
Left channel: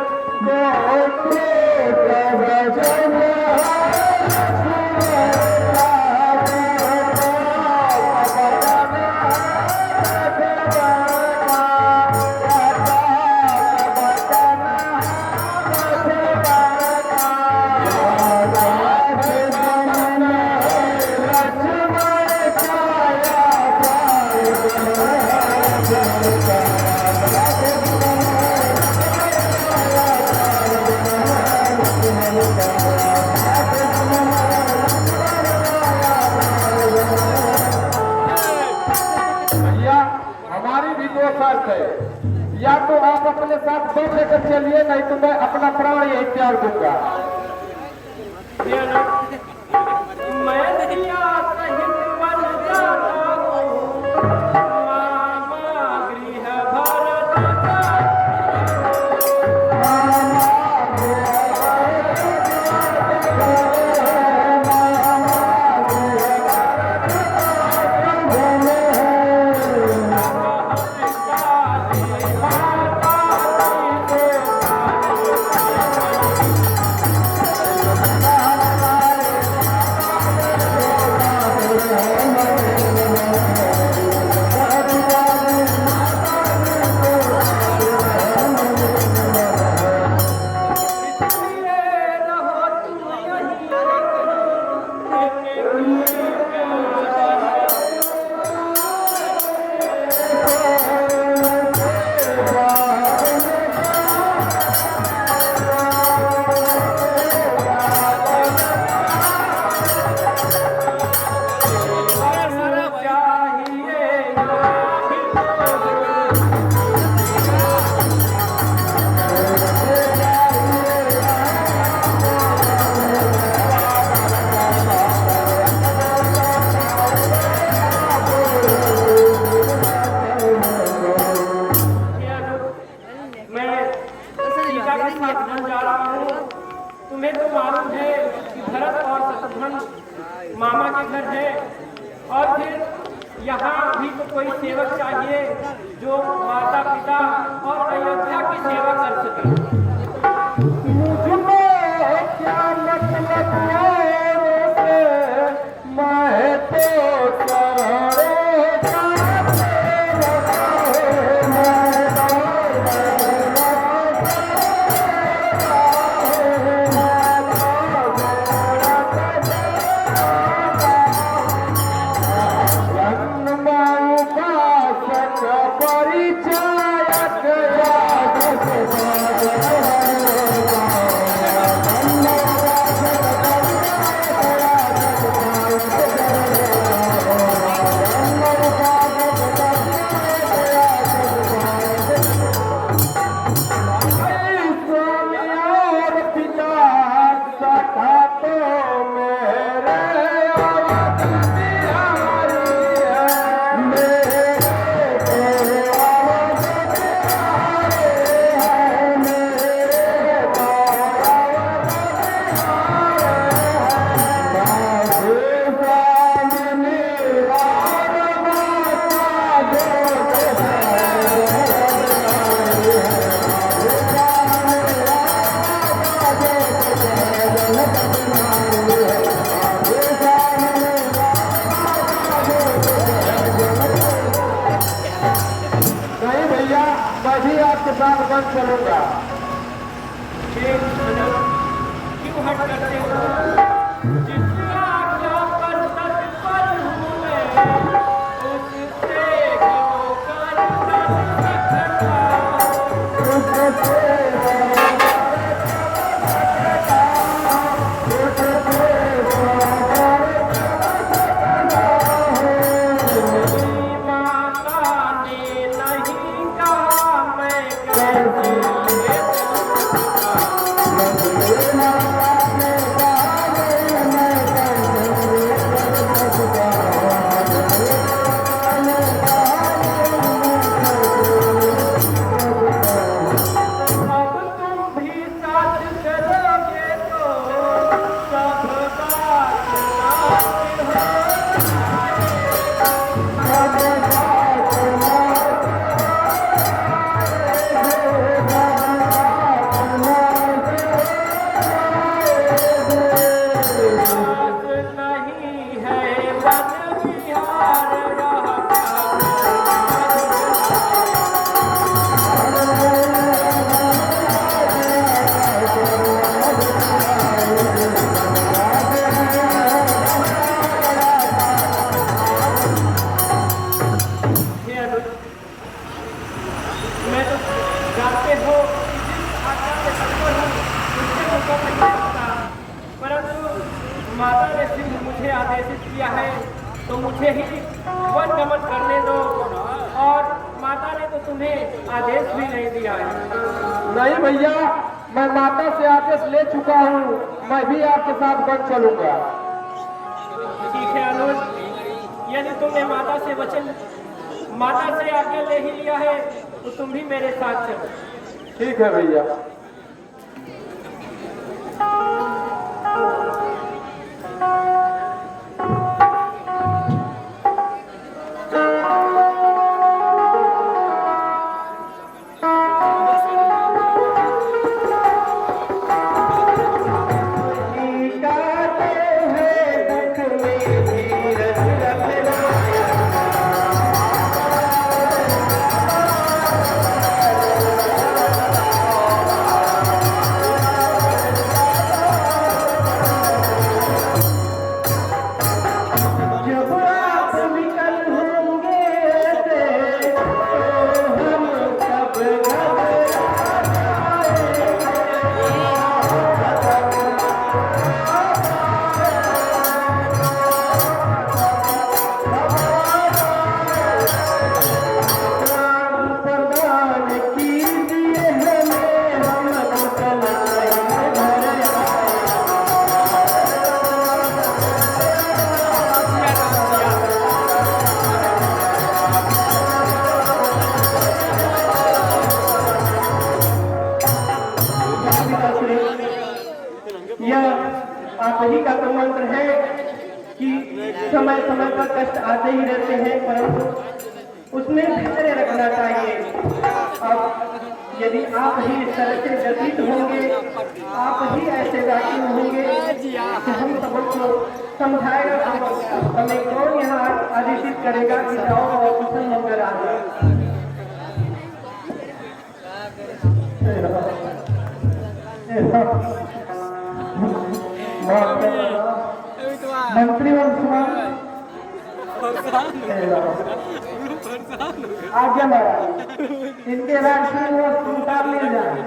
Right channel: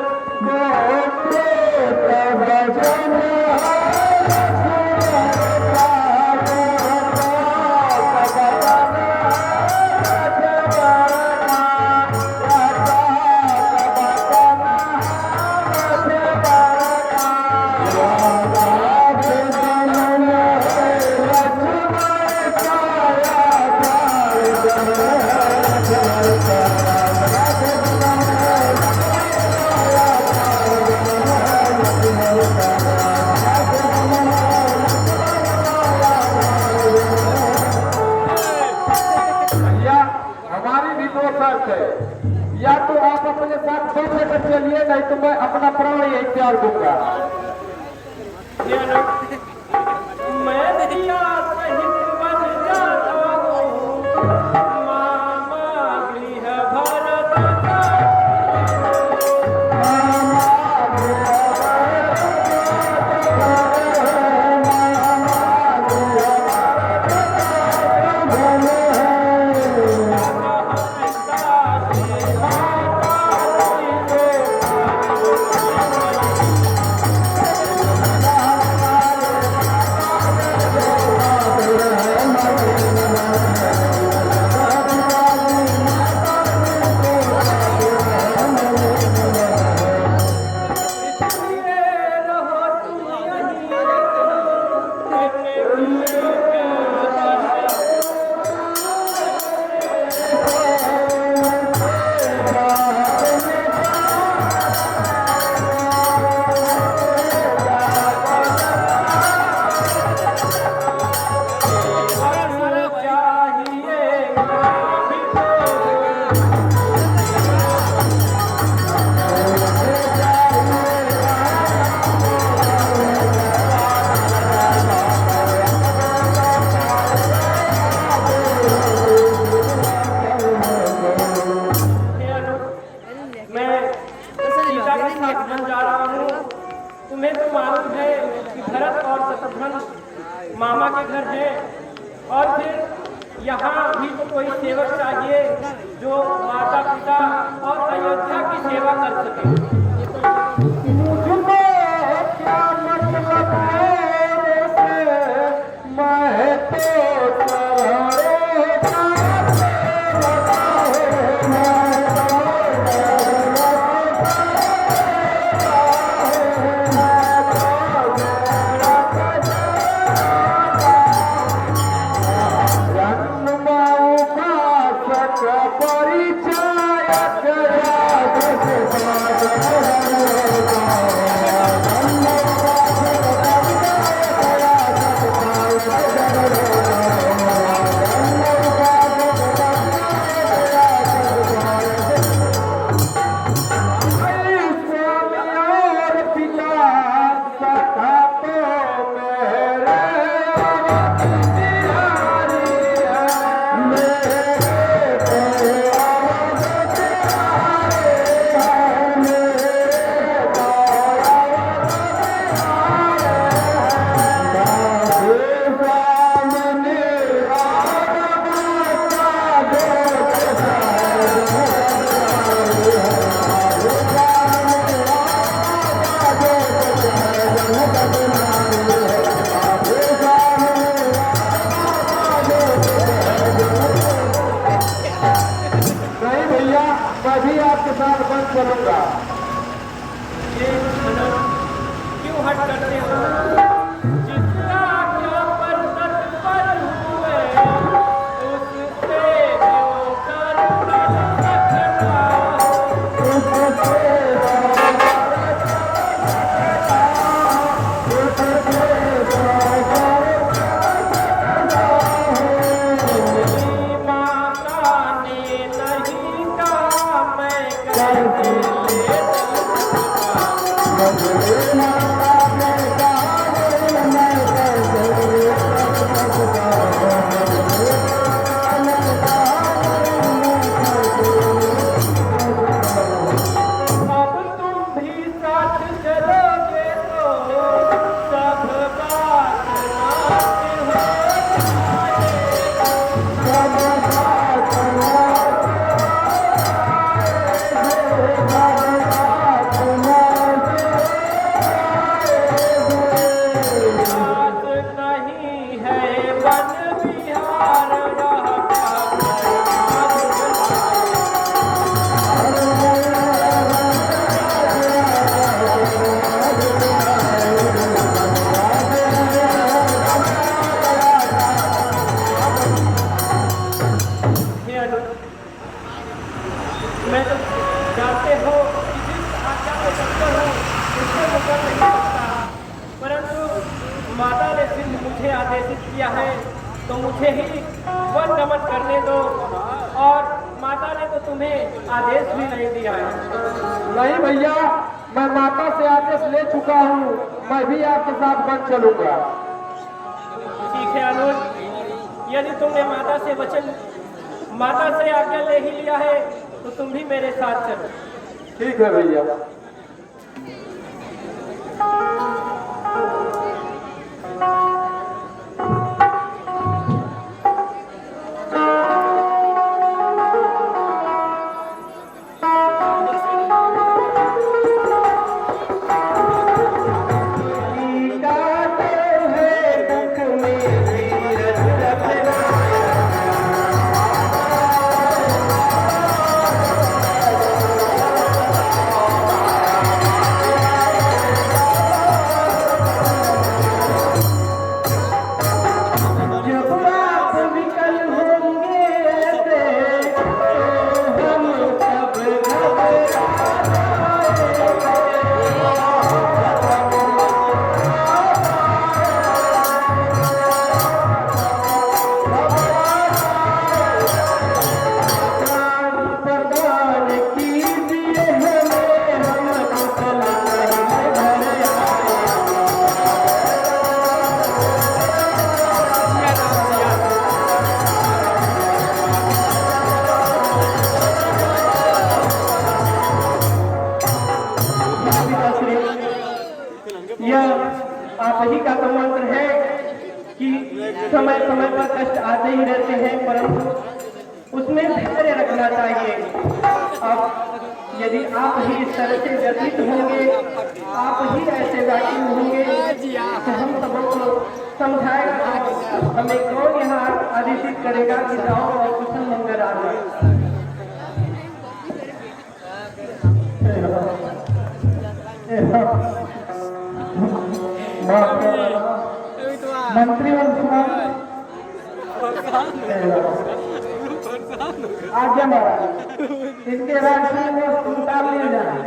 हमारी भी दो शर्त है, या तो आप अपने साथ बच लेकर चलिए, नहीं तो मैं अपना प्राण यही त्याग दूंगा। मैं दिया सहित बन जाता हूँ, मामा गृह भरत का। Oh समस्त धन मामा के घर है, और फिर यहाँ भी तो कोई सेवक चाहिए जो माता पिता और अयोध्या की सेवा कर सके। मुझको क्या मतलब मैं तो करोड़ों का भी आपके साथ बंद चलूंगा। ये धनन क्यों हट करते हो? जितना क्या पर तत्पर हुए उससे क्यों कर सकता मैं तो जानते हो कि जिस आज्ञा से तत्पर हूँ उससे मुकर नहीं सकता, परंतु माता ने सिर्फ मुझे आदेशित किया है तो मुझे ही वन गमन करने दो, और माता ने तो तुम्हें आदेश भी नहीं दिया है। नहीं भैया, मैं माता से आदेश ले चुका हूँ, मैं भी आपके साथ वन चलूंगा। ठीक है अनुज, यदि तुमने माता से आज्ञा ले ही लिया है तो तुम भी मेरे साथ चलो। ठीक है भैया। आप ही का तो मंत्र है कि समय समय पर कष्ट आते ही रहते हैं, परंतु उसमें धैर्य रखना चाहिए। अब यदि आप ही इस तरह से व्यतीत होंगे, आप ही ऐसे व्यक्ति होंगे कि हम सबों को समझाएगा, हमें कौन यहाँ आदेशित करेगा कि जाओ और कुशल मंगल आए। मंत्री आज्ञा महाराज, इनके बाद श्रीनिवास उतार ले जाए।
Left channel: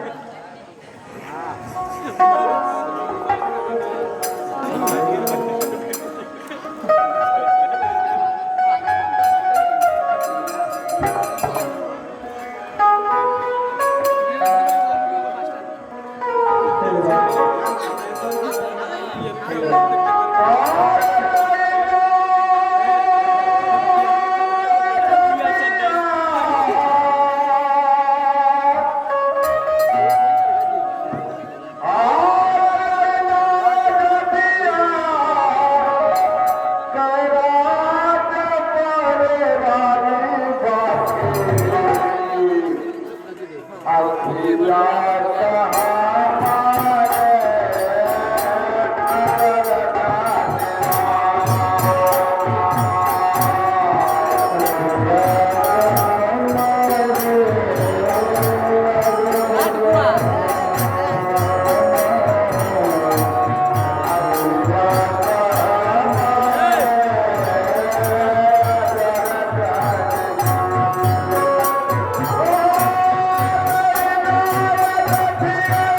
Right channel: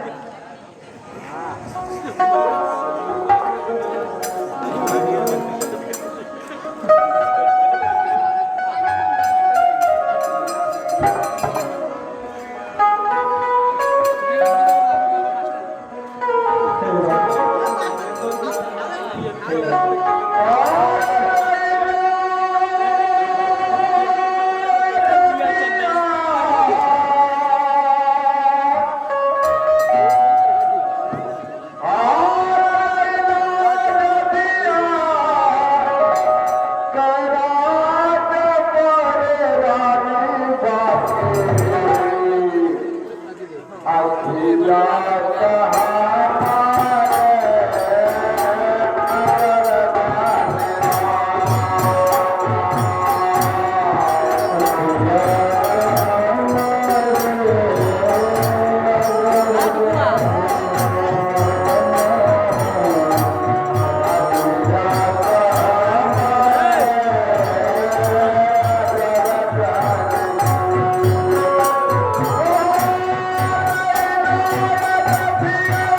Yeah.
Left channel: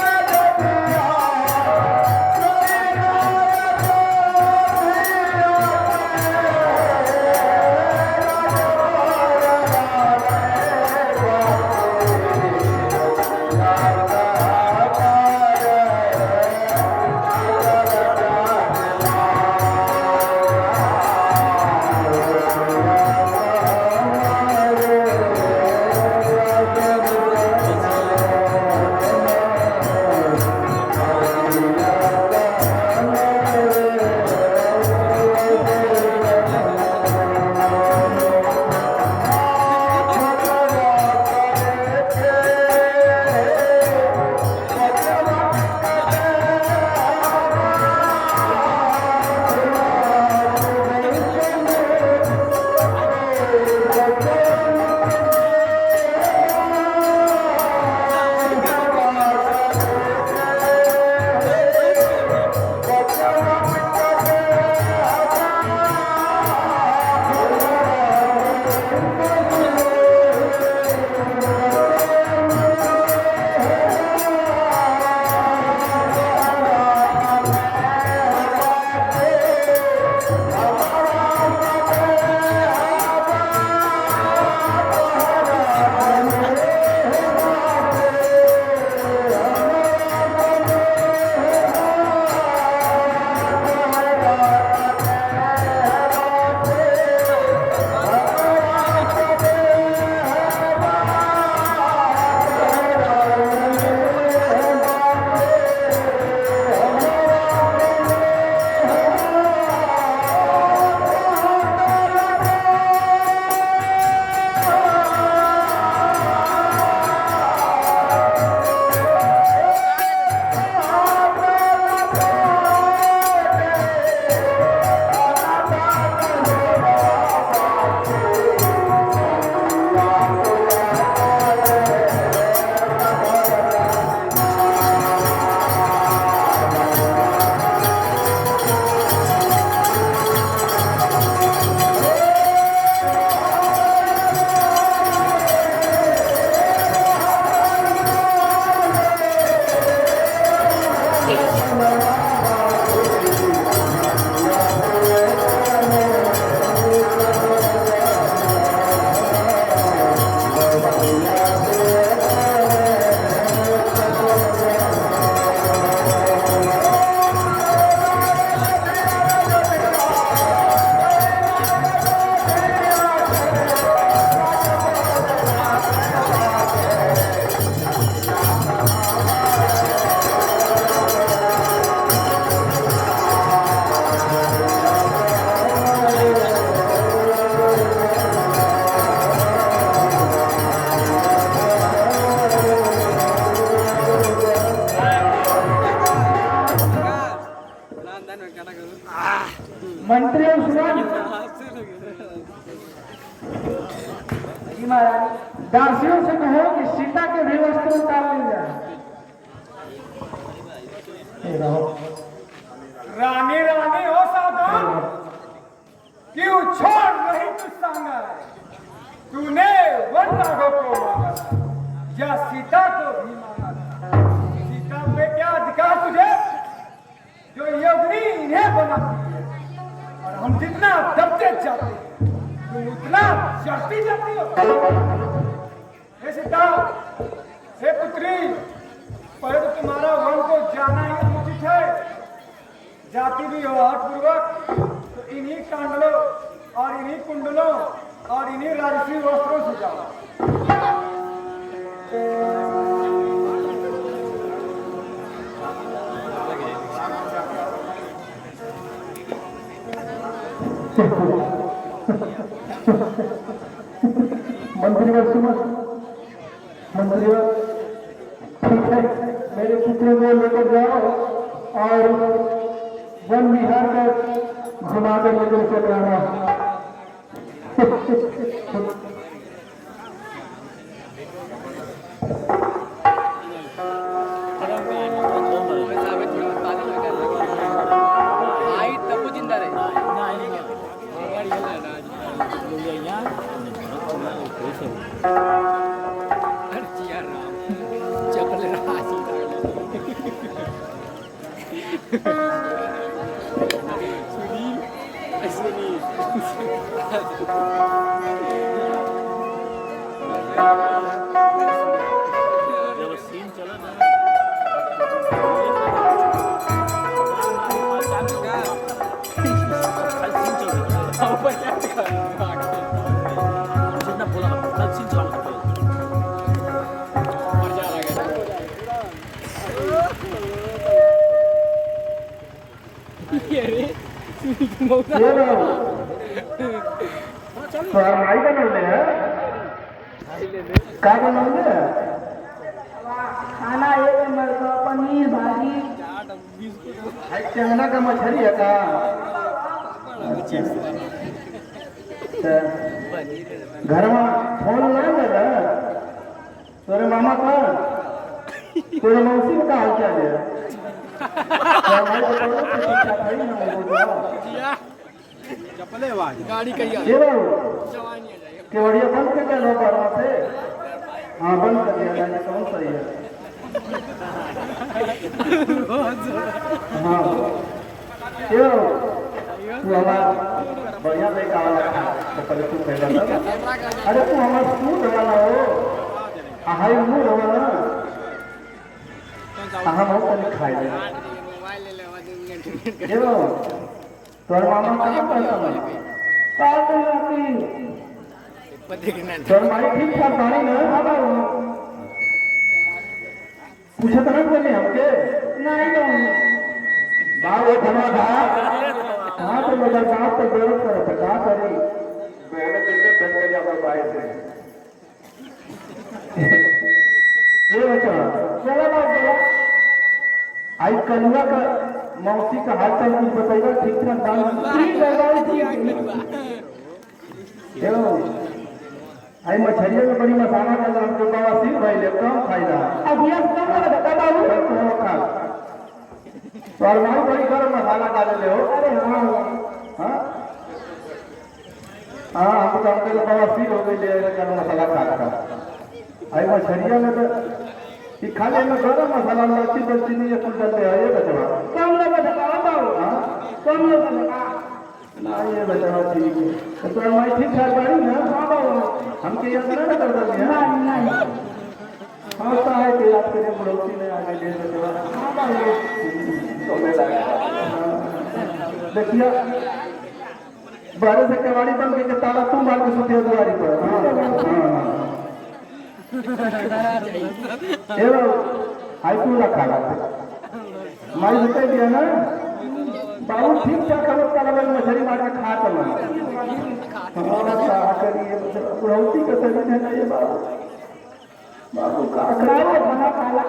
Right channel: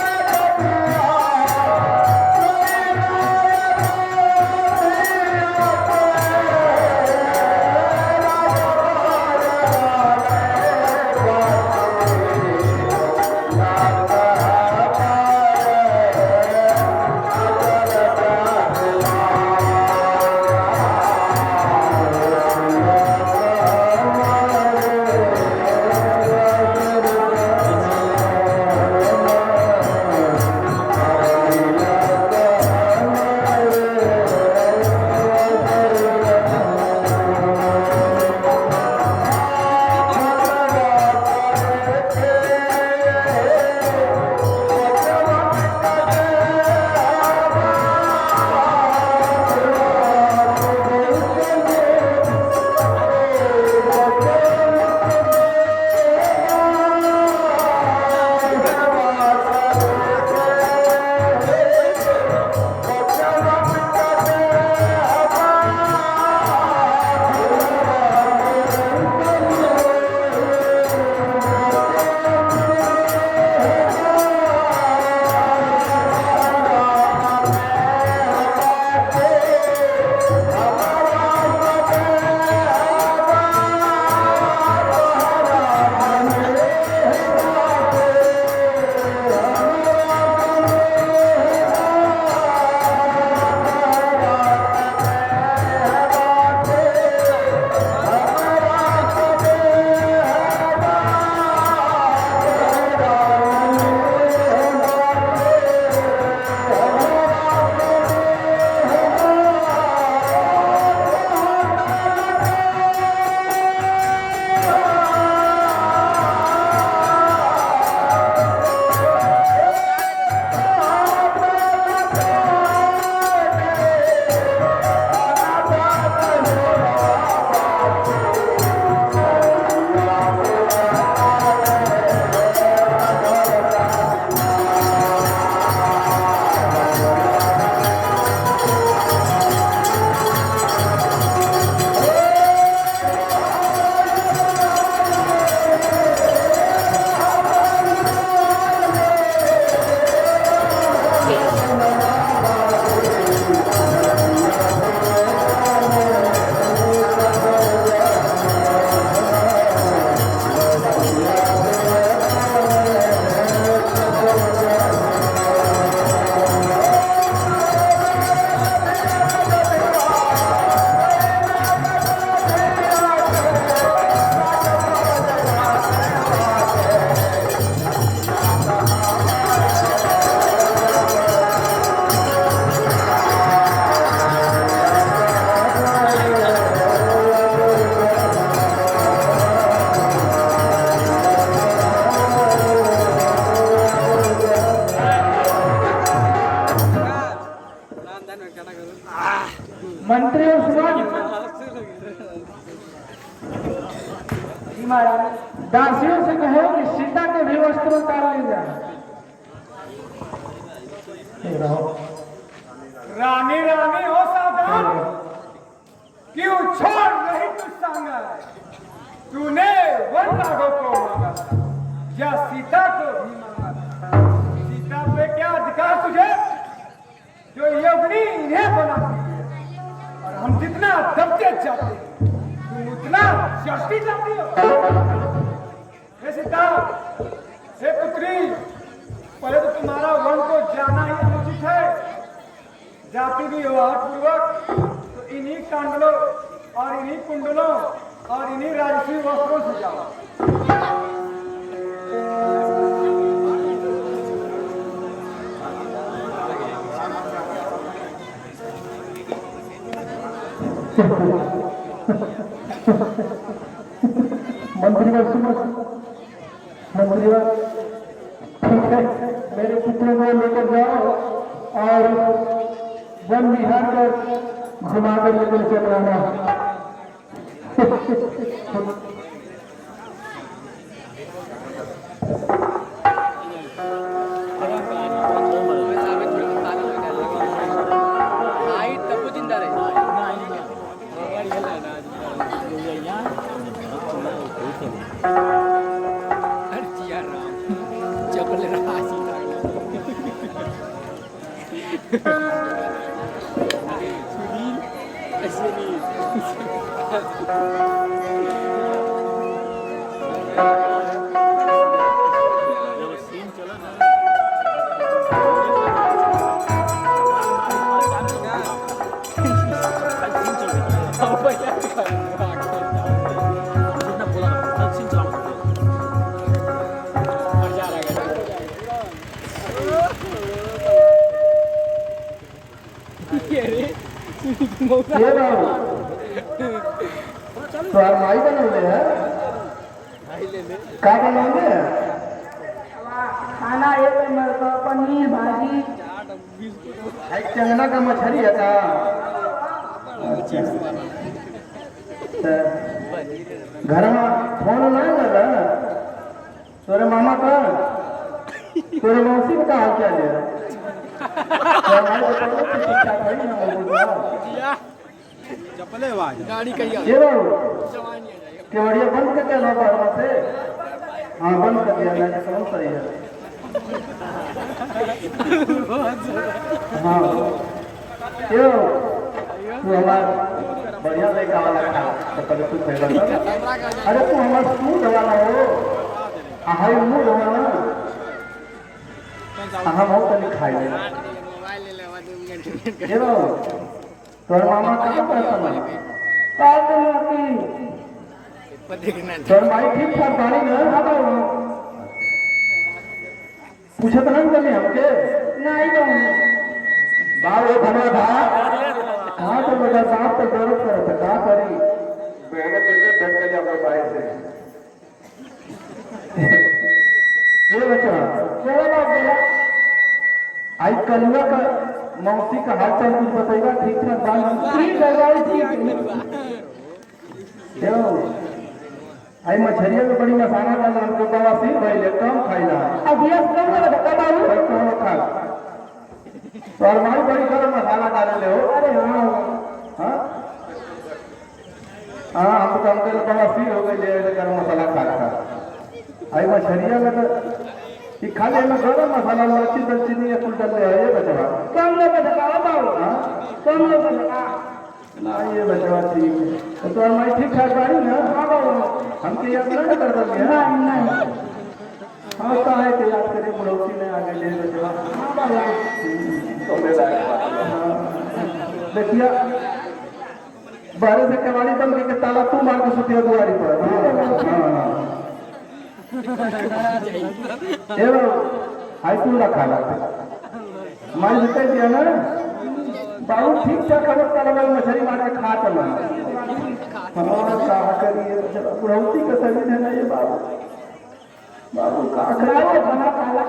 दासियों से कहो कि सीता के भी वस्त्र उतार ले जाए। रानी रानी हो सावधान, क्यों छोड़ रही तू सांगा? तूने वन नागों को मांगा था या सीता को भी मांगा था? सीता पे क्या अधिकार तुझे जो योगिनी इन्हें बनाती है? और हम जितना दबते जाते हैं तुम उतना चढ़ती जाती हो। हे सीता, हे पुत्री, पहले तो तुम्हारा वन को जाना ही अनुचित है। जाति भी हो पूर्वक तो इन्हीं कांडलों और इन्हीं कुंडलों और इन्हीं राजसी वस्त्रों से जाओ। मंत्रीवर सुनो, मंत्रीवर ठीक है, मेरे पुत्र को लेकर जाओ और वन विहार पर घुमा कर लेकर चल आना। तो माई बनौले है का बनौले है? खाना एक नंबर का पनीर भाजी चंगना का मछली है का? घर में फोन नहीं कर रहा तोरे मामा का? तोरे मौसी का हाल क्या है? गाड़ी कहीं ये केवड़िया बंद कर दिया ना बर्मा से? हाँ बंद कर दिया है, कौन सही है? हाँ क्यों तू हमारा बढ़िया लड़का वाला था तो कभी तू पहला था। अरे तू हमारा सूट वाला हो, हाई मूड हो ना, हम हो तो नहीं खाएंगे। तोर मामा कहाँ करता है? तोर माई ठीक ठाक गाड़ी में पूछत नहीं करनी हमके? नहीं कहूँगा बाल एक बना था हाँ तो मेरा दांत तो जरूरत करे था क्या करी मेरे बिल्कुल बैठ कर अपने बाइक से ये बच्चा आई कलुआ का मौसी का हाल चाल कुछ बताएगा ठीक ठाक बात आई मछलियों में बड़ी मसाला का हमको बवासीर भइले कम खाइला अभी कम कर बता बाबू तो खा तो अलमारी बड़ी गरम मसाला डाले ले हो। अरे हाँ हाँ हाँ हमको कम के बवासीर हो गई ले गरम मसाला खाता आई मछलियों में तो कि खाली में गरम मसाला लच्छी बच्ची में ये कुल डाल है ये बचवा कम लोग बताओ बाबू। हाँ कम लोग ना ये बचवा ठीक है तो अलमारी ठीक ठाक गाड़ी ना? हाँ बाबू हमके याद नहीं कर दे नहीं हाँ तो है कि याद करके पड़ोसी ने आगे ले बचवा। देखिए बाहर से कबाड़ी बंद करके ताला तू मार के सुतिया दुआरी पर। हाँ आई तू रखा माई जिते दिया ना बाबू ठीक ठाक खबर कल मछली मार के खा तो हाँ करिए बुढ़ौती का सही है ये बाबू बाबू खाओ खाना काला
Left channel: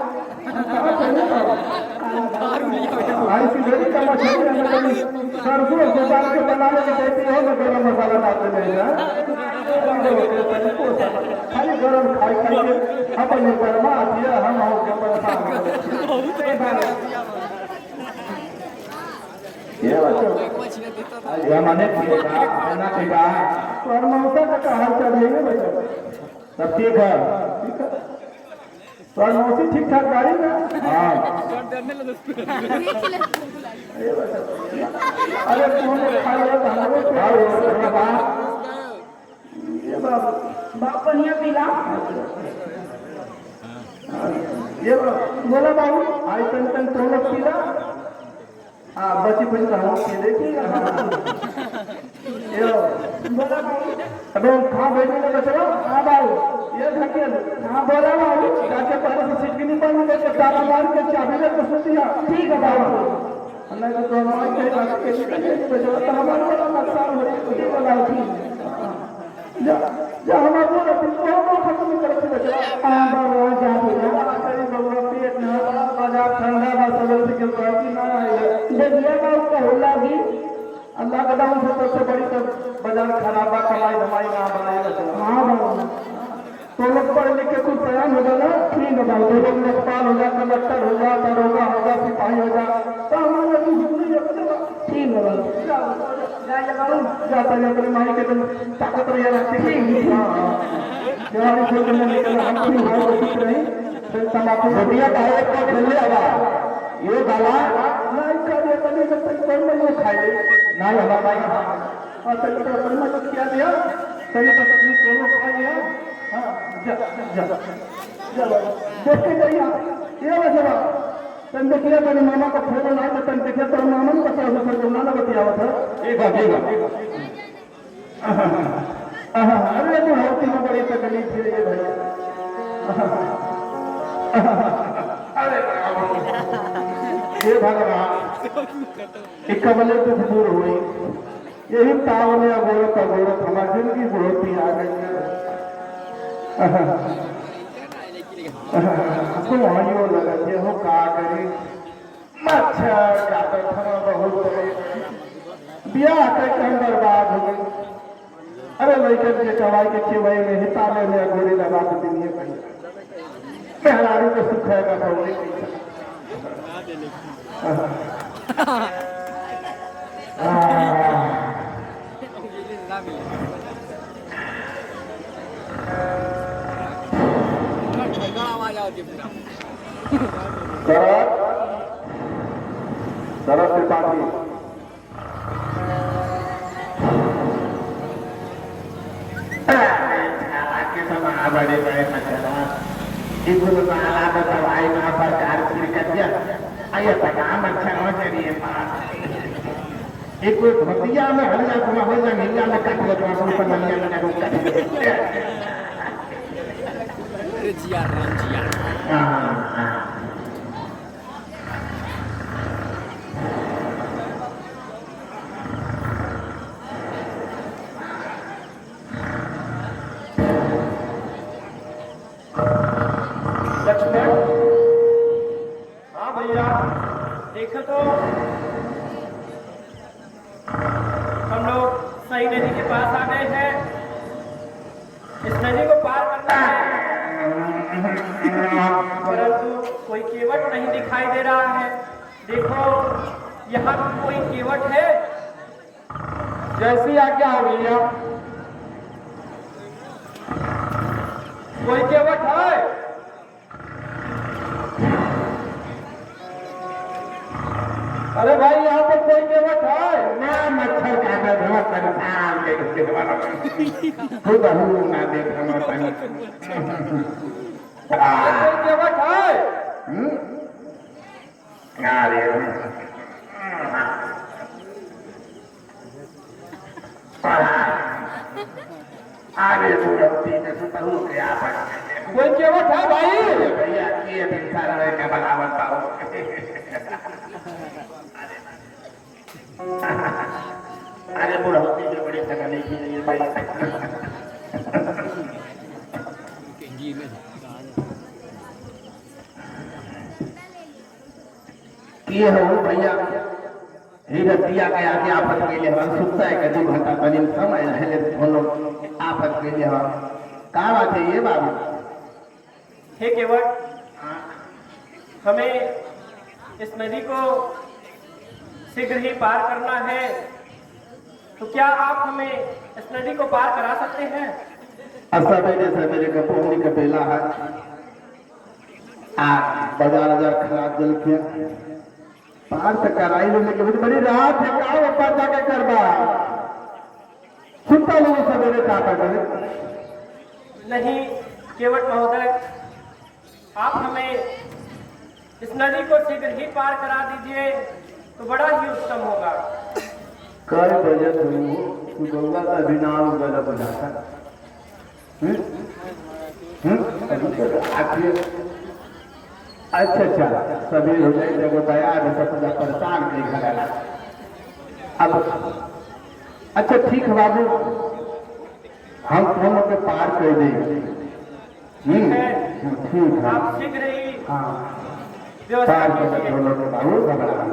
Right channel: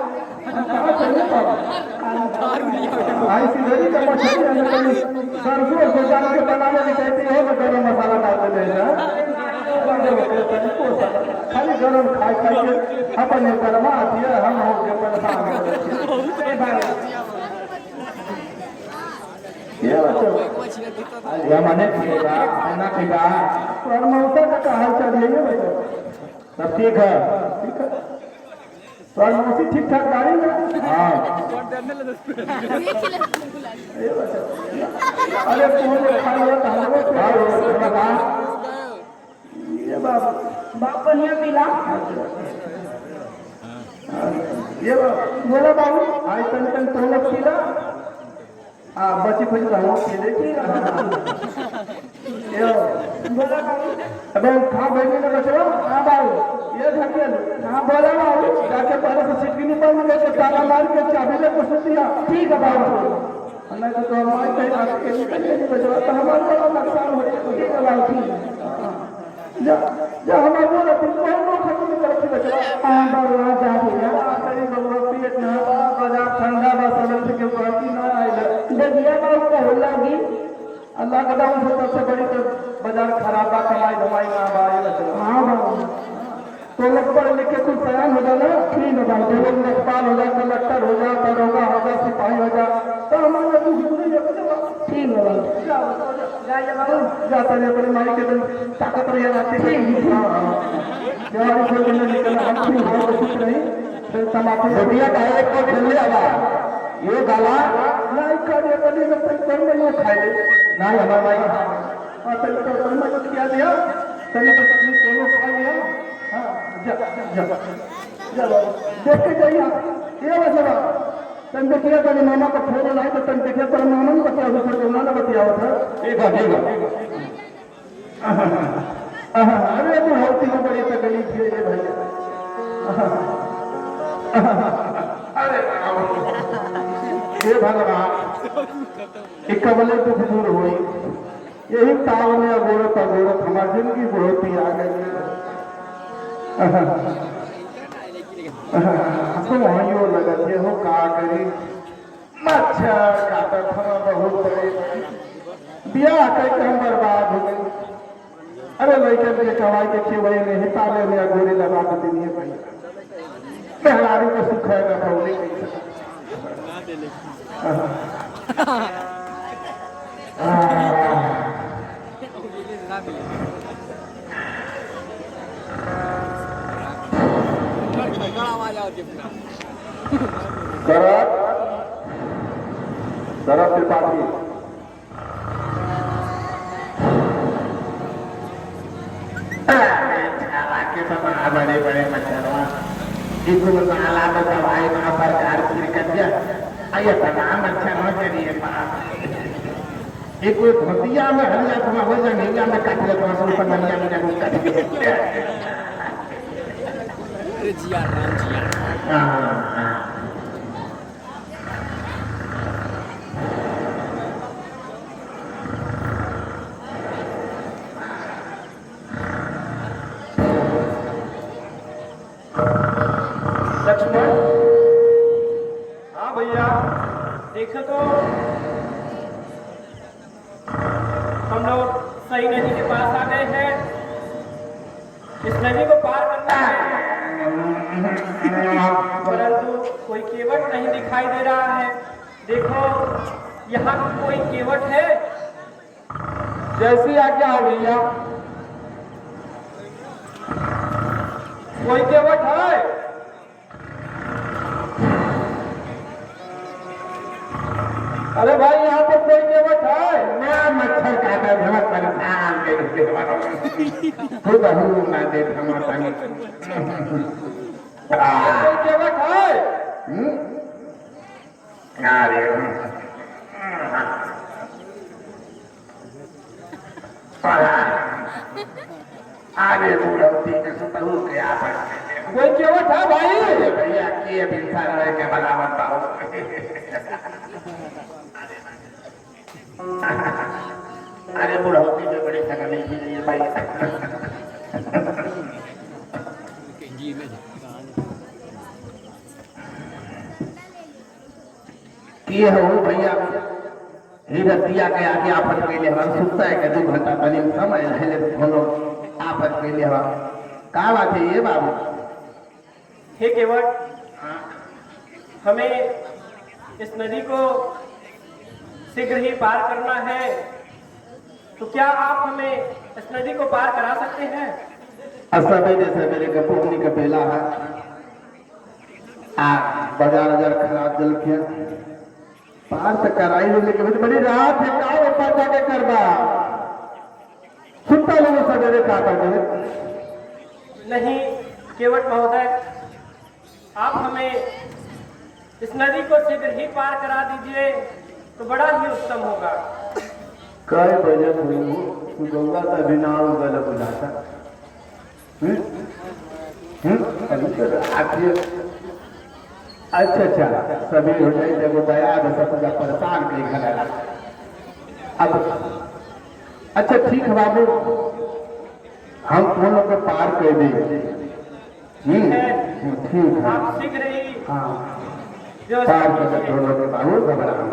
कहाँ चले बाबू आई सिलेरी का मछली में सरसों से डाल के बनावे कहते हो ना गरम मसाला डालते नहीं ना खाली गरम खाई खाई अपन गरमा दिया हम हो परेशान या माने खाना पीना और मौसा का हाल चाल है बेटा सब ठीक है और मौसी ठीक ठाक गाड़ी ना हाँ अरे कौन खा लिया ये बाप बढ़िया पिला ये बोला बाबू आज तक तो लोग पिला हाँ बची बची कहूँ देखिए बोला बाबू अब खा बैठे ना बचो हाँ भाई ये धकेल हाँ बोला बाबू जाके पहले से सीट की निकाल में बैठ ताला मार के चाबी लेके सो दिया ठीक है बाबू अल्लाह के तो हमारे पे नहीं बचो तो हमारा बड़ा नुकसान हो ये बोला ठीक जा जा हमारा बोला तुम को खत्म कर बचो हाँ बाबू जा दिया बड़ी बाबू पेट ना बाजार ठंडा बस अगर से क्यों कहती ना आई देखिए बाबू कहला भी अल्लाह का दाम सबसे बड़ी तो बाजार खराब कमाई धमाई ना बाई हाँ बाबू तो लोग पढ़ लिख के खुद तैयार हो जाना ठीक है भाई लोग लेखपाल हो जाए कलेक्टर हो जाए दरोगा हो जाए सिपाही हो जाए तो हमारा ठीक है बाबू जाता है अपनी माई के दिन ताकत रह जाती है हमारी कोई करने निकला हम भी हो कुछ नहीं तमाकू बढ़िया का एक को खेले आवाज ये गाला नहीं कर ये बनी जब तक कर्म ये खाए नहीं हमारा भाई और तनी तो कर्म जो किया दिया तनी तो दोनों खा लिया हां जा जा जा देख के जाइए ये वजह तन देखिए तनी मामा का फोन आया तो तन देखिए तो मामा ने बताया हुआ तो ना बताया था ठीक है अरे तो होती में बड़ी तकलीफ है ये भाई अरे हे भगवान कबले दुख दूर हुई यही ताव में अगोरत अगोरत हमारी जिंदगी बढ़ोती आ गई तो वहीं लगते हो का करी मच्छर काटत हम बहुत ब्याह करके हम बर्बाद हो गए अरे लड़के के कमाई देखिए वही में हिताले में गोली लगा के दिए मेहरारू को सुख है ना पौड़ी शरद त्रिपाठी बड़े बड़े इनको नाला बतावाए ना प्रकार की कब्जा आयो तमाम अच्छा न करिए एक धोतिया में हल्ला तुम हो जाए नीला में काट ले तुम ऊपर मनिया में रुक कर अरे जिया राम जिया लक्ष्मण हाँ भैया देखो तो हम लोग सही नदी के पास आ गए हैं इस नदी को पार करना है परंतु कोई केवट नहीं दिखाई दे रहा है देखो यहाँ कोई केवट है जैसी आज्ञा हो भैया कोई केवट है अरे भाई यहाँ पर कोई केवट है मैं मच्छर काटा बहुत परेशान खुद हूँ मैं देख कोई केवट है अरे बुढ़ौती के सुतरू क्या कोई केवट है भाई भैया ये भी सारा के बराबर पाओ अरे बुढ़ौती में बड़ी तकलीफ है ये हो भैया ही दिया के आगे आपन के लिए हम सुनता है कि 2 घंटा बने समय है बोलो आपन के लिए हम का बात है ये बाबू हे केवट, हमें इस नदी को शीघ्र ही पार करना है, तो क्या आप हमें इस नदी को पार करा सकते हैं? सवेरे सवेरे के पोहनी के बेला है आ बाजार खराब जल के पार से कराई लेकिन बड़ी रात है का ऊपर जाके करबा सुनता लोग सवेरे का करे नहीं केवट महोदय, आप हमें इस नदी को शीघ्र ही पार करा दीजिए तो बड़ा ही उत्तम होगा। कई बजे हुई हो तू गंगा का बिना गलत बुझाता अभी तो आखिर अच्छा सभी हो जाए जब तैयार है सब परेशान नहीं करेगा अब अच्छा ठीक है बाबू हम दोनों को पार कर देंगे ठीक है आप शीघ्र ही हाँ व्यवस्था पार कर कीजिए। दोनों को बाबू घबराना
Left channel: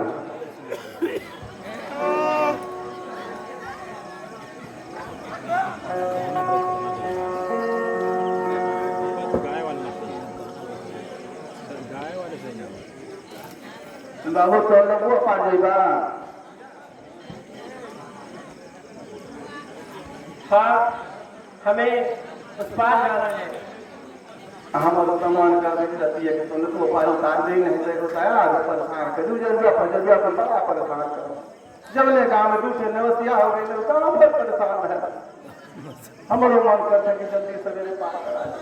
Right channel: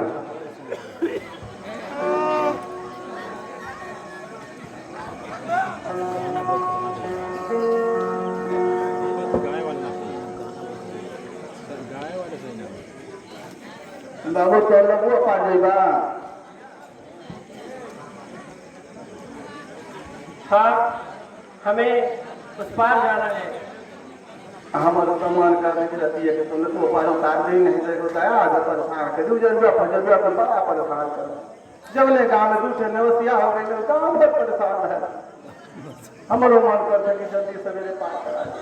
बाबू तो लोगों पा देगा हाँ, हमें उस पार जाना है। हमारे तो मन कर रहती है कि तुमने तो पार उतार दे नहीं दे होता है आगे परेशान कर दूँ जरूर अपन बड़ा परेशान कर जब ले गाँव में दूसरे नवसिया हो गई तो हम बहुत परेशान है हमारो मन करता है कि जल्दी सवेरे पार करा दे।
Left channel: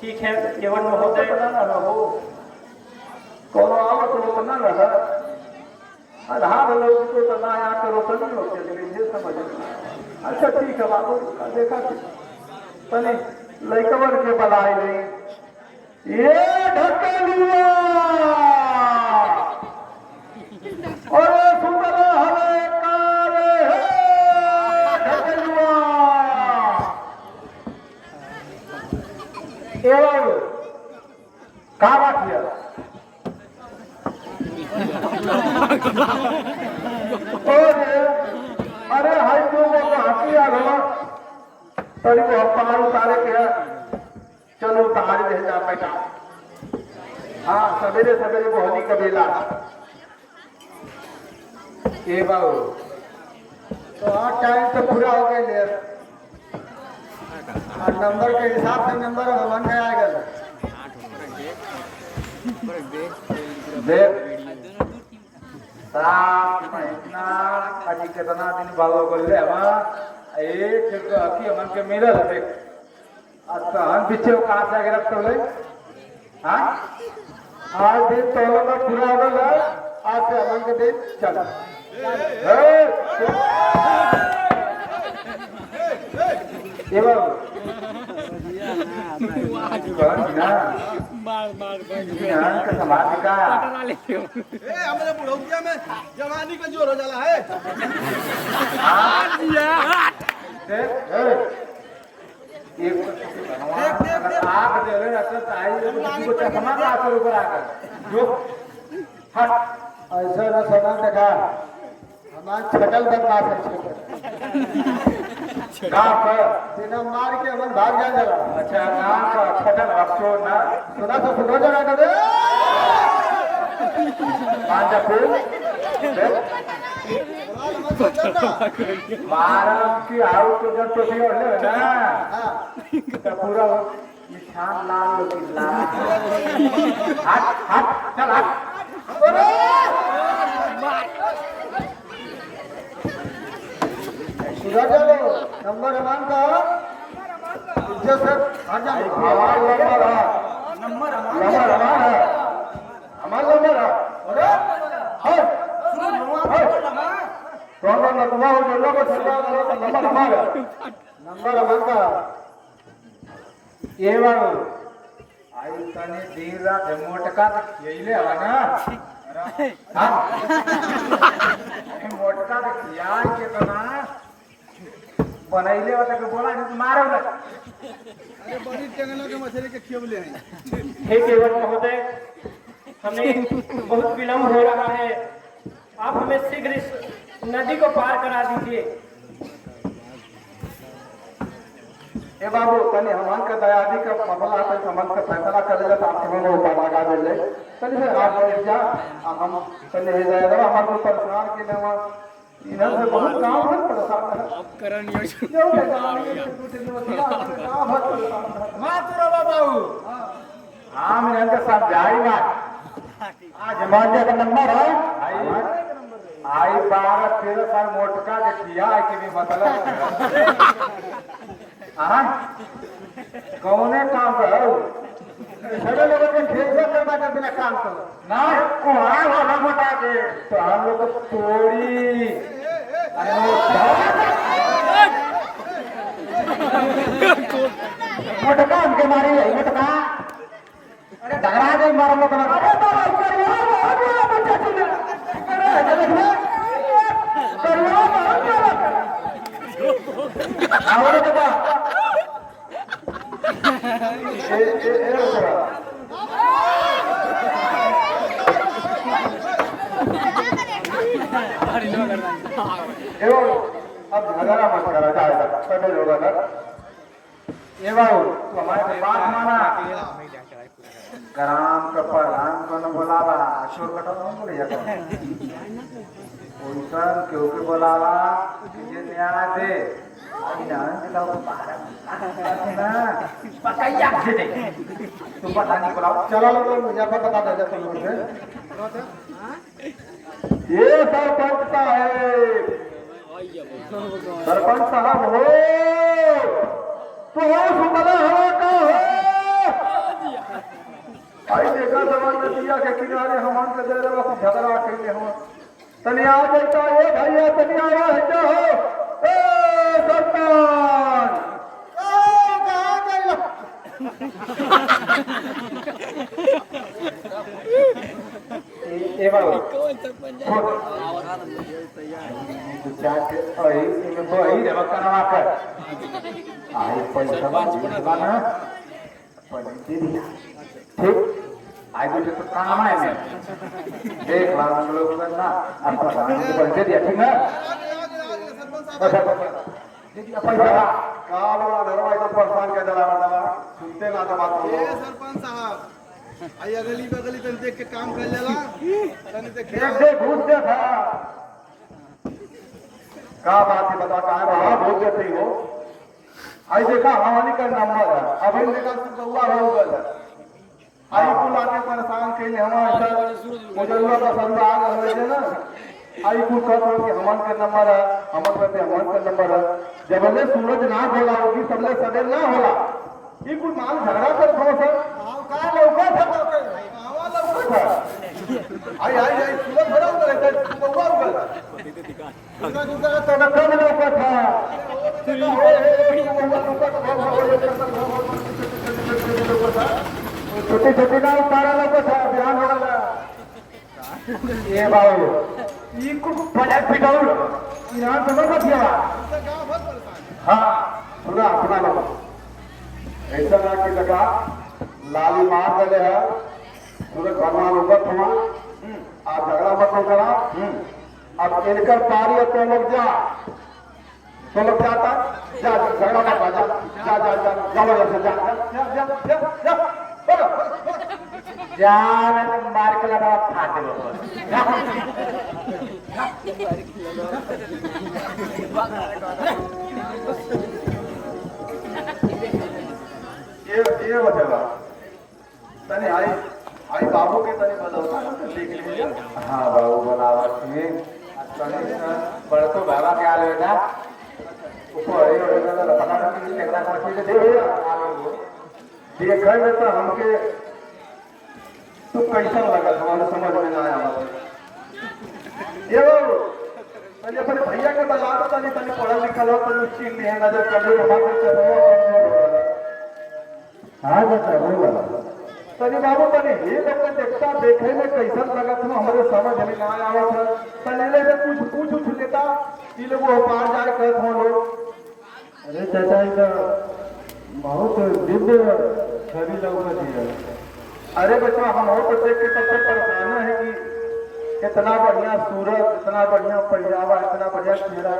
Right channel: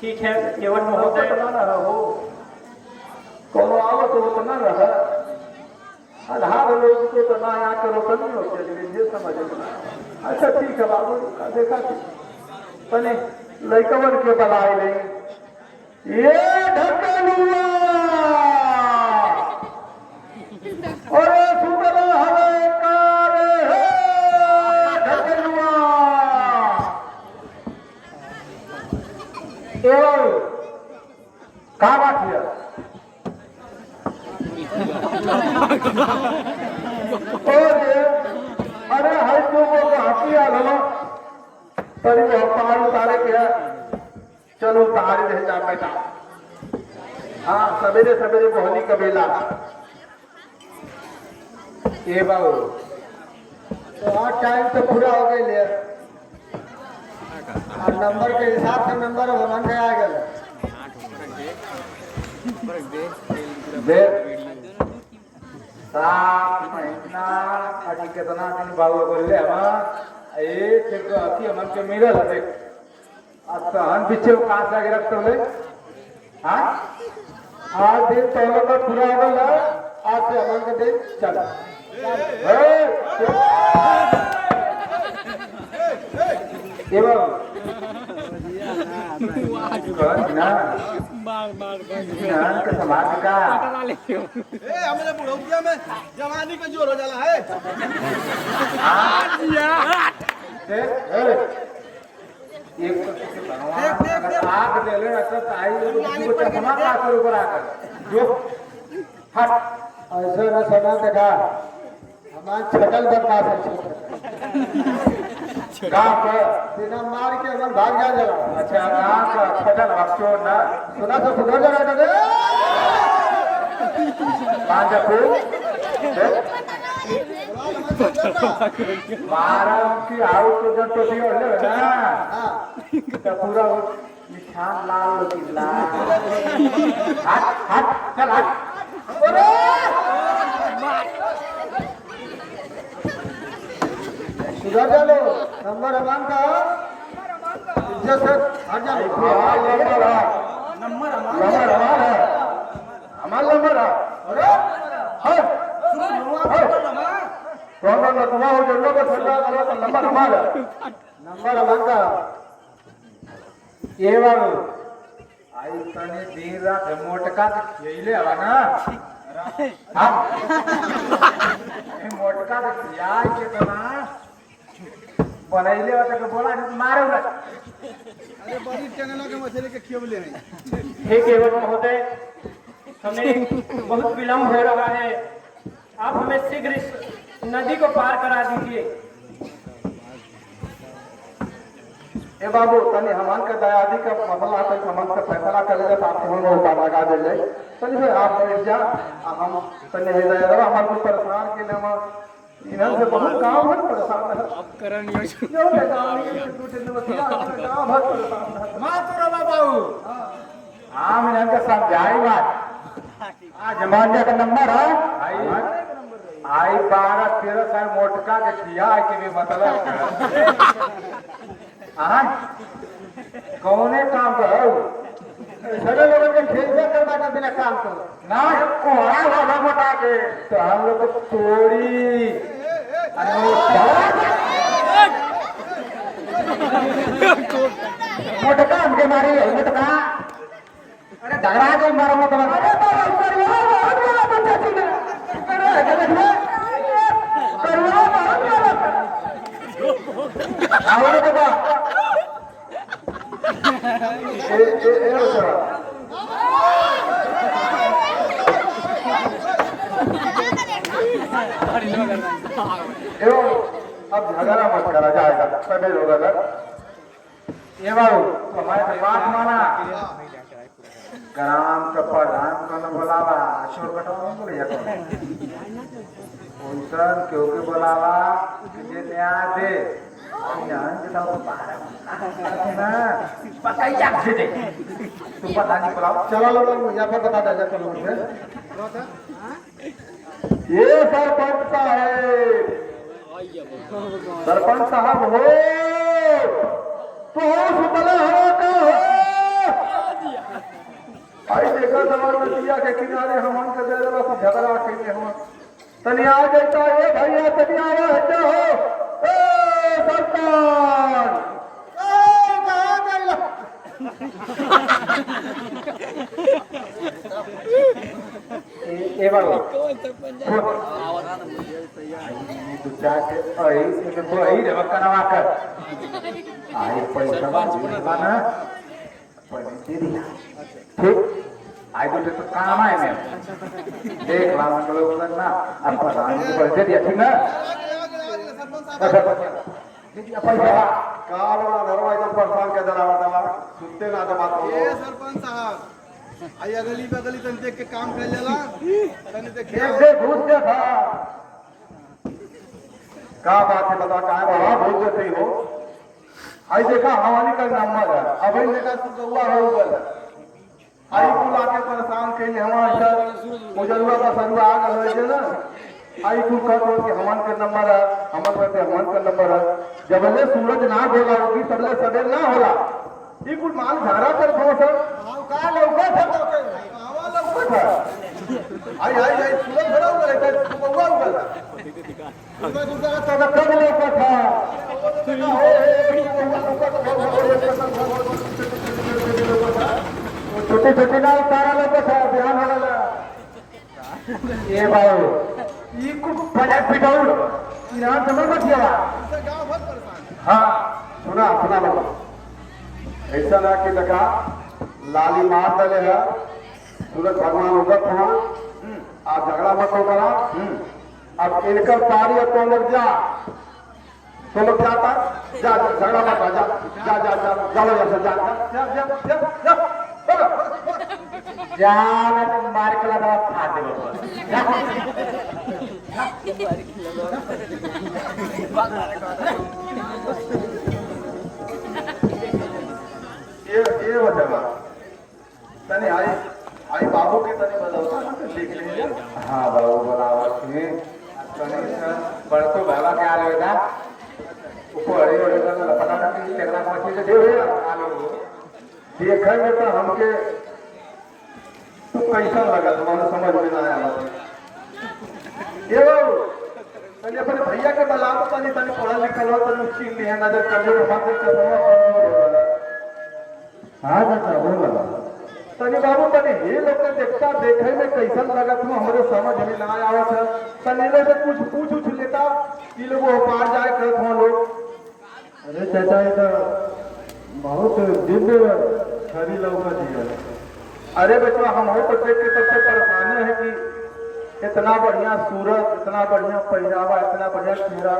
ठीक है केवट महोदय, ना हो कोनो आवत हो तो ना रहा आधार लोग को तो ना यहाँ करो तो नहीं होते ये समझ में अच्छा ठीक है बाबू देखा तनी लड़कवन के बनाए ले ये ढकेलुआ अरे सुंदर हरे कारे हे ढकेलुआ एवं का बात है अरे हाई को हाथी आ रहा पर वो पार उतारे क्या चलो उतार रह जा बेटा हाँ सवेरे सवेरे बोहनी कबीला ये बाबू तो आज टाइम तो पूरा हो गया नंबर के हिसाब से नंबर मन गया सात महीना अभी कितना दिन बाबू बोले हम एक अभी हमन के मिलल है अच्छा हम पीछे कहाँ से आगे रखते बोले हाँ आज दिन तो लोग का पूरा हो गया आज से हमन का दिन चल ये बाबू हमारे बुढ़ौतिया में जवानी का जोर हो जाला है आग जले चश्मा का ऊपर आकर जो हट ऐसा न सना देखा हमारे छकल बदमाश है गाँव पर बिना मार के हम भाग जा जला अच्छा गाँव पर छकल रखो ना सुना तो सुधर जला दे मारा की आउ तो जब तो भी होले ना तो पूरा निशान लाल लोग लाल हट हट चल हट सुधर जा लो नंबर अमान का इज्जत से हट जा नंबर अमान है हमारा नंबर है अरे कौन नतवा हो जल्लो को सरकार करो तो नंबर हमारा नंबर अमान का ये बारो आई तने दिन रात मोटका यही ले आवा ना हम मोटका तो यार कितना बनैले वाला के बोला नहीं मारे उला अरे बड़ी टेंगना के मछली के खियवले हैं हे केवट महोदय, हमें बहुत विलम्ब हो रहा है, आप हमें शीघ्र इस नदी को पार करा दीजिए। ए बाबू तनी हमन के दयादी का मसला है, हमन का फैसला कर ले आप हम वो पार लगा दे ले तनी से आप बैठ जा हम तनी हो जाए रहा हमारे को परेशान के ना इधर से बहुत काम है परेशान है अब करण यो काम है परेशान है माँ तू बाबू हां मैंने इनका समझाई बात आज जमाने का नंबर है आई 12-13 साल मोटका के किया है कि भी मतलब हाँ कौने काम करो बड़े लोगों के फेसबुक करवा के बिना काम करो ना कोहरा वाला मोटा के तो हम लोग थोड़ी मोटका हमके मारी है मोटका अरे डगरा गई मारो मतलब अरे बाबा करियो बहुत बड़ा पंचायत में अरे देखो करियो बहुत बड़ा आवड़े बेटा ए बच्चा अब झगड़ा मत करा जाएगा समय होगा ना ये बाबू तो हमारे बात माना ग्राम का प्रधान को न बोलावा अशोक कटाव नहीं बोले उनसन क्यों के बोलावा ये न्याय दे न्याय के तो ना पकाइया दे तुम पता नहीं बोलाओ चलो लोग मुजफ्फर बता दे जा चलो से ये सरपंच साहब हो तो सुतला हो का हो अरे देखा जवान में दिया के किनारे हमन के दे देला कुछ झगड़ा के हम तनी आ जाता ए भैया तनी आवा है हो ए सरपंच ओ कहां गइला ए बाबू कौन सरपंच तू चाहते आई से तो आई रे बकनवा कर आई पैसा बना ठीक आई तो काम है ना देख ला हम लोग ना आपका दान को दे दिया ठीक ना दे दिया पैसा का बना नरवा एकदम परेशान कर देला बता सुनते ना जब बात ए सरपंच साहब आई अगली बगली तन देख के काम कर लेला तनी देखिए दे घूस दे था का बात है बता का रहा भूल देते हो आई देखा हमारी का नंबर है अब इन देखा सुगुआ हो गया आई को लाके परेशान कइले हमार सर मुजल्ला का सरवा आ गए थे ना आई को कह तो कि हमन का नंबर है हमन कहते हमन का नंबर है जब ले सूरज ना होला होगी सबले सवेर ना होला ई कुल मान झगड़ा कर थो सर हां का लौका था तो आवा लौका था आई सूरज बड़ा हो गया था सुगुआ हो गया सूरज उधर तो कम लौका था छोटे छोटे ना तारा लोग था ध्यान होगा ये बाबू ये कुछ बड़ा पिटाउल यहाँ समझ मत गया हाँ सुना सुना लोग ऐसा ना कि लगा लाली मार गए है सूरज भगवान उगत हुआ आप झगड़ा मत हो करा अब इनकर पारी है तो लोग जा तो लोग जाता जा झगड़ा मत जा जा जा जा चलो जैसे जा जा जा जा जा जाना तो मार के लगा खा दे ये बतावा तने आई बाबू की तने बताओ हाँ बाबू बोलावा तुम्हें बड़को बाबा क्या लेगा ऊपर अड़े का पता नहीं केकरा को मछली दे आ लोग देखे में तो हमके तो कैसा लगा हमारे समझ में ना आया ये तनी अपने भैया के बला तो तनी तनी पढ़ा लिखा हो तो उसकी नजर कर लो हमारे चलो हाँ ना बोला तनी बाबू तनी हे लोग के देखता देखे में कैसन लगत हो हमारे समझ में ना आवत है तनी लोग से कुछ पूछ लेता कि लोग वो पार जाए कहत हो लोग अरे चाचा ये तो बहुत जिद खरी लोग का दिया अरे बच्चों हम हो तो देख के सबसे परेशान है कि इतना बढ़िया सूरत, इतना बढ़िया पहरावा, इतना बढ़िया चेहरा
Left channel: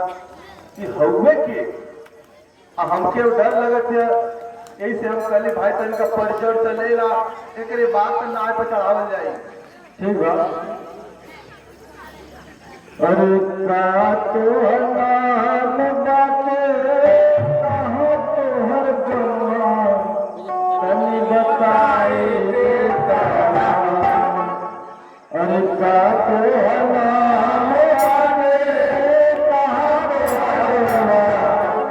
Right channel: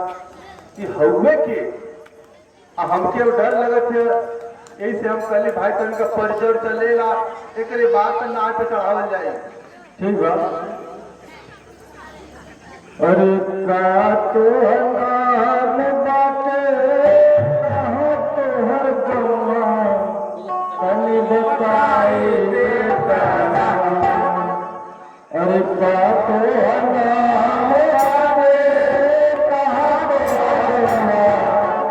कि हवे के हमके डर लगत है। यही से हम कहली भाई तन का परिचय चलेगा एक बात तो नाव पे चढ़ावल जाए। ठीक बा। अरे का तो नाम बाटे कहो तो हर गवा तनी बताए देता। अरे का तो नाम बाटे कहो तो हर गवा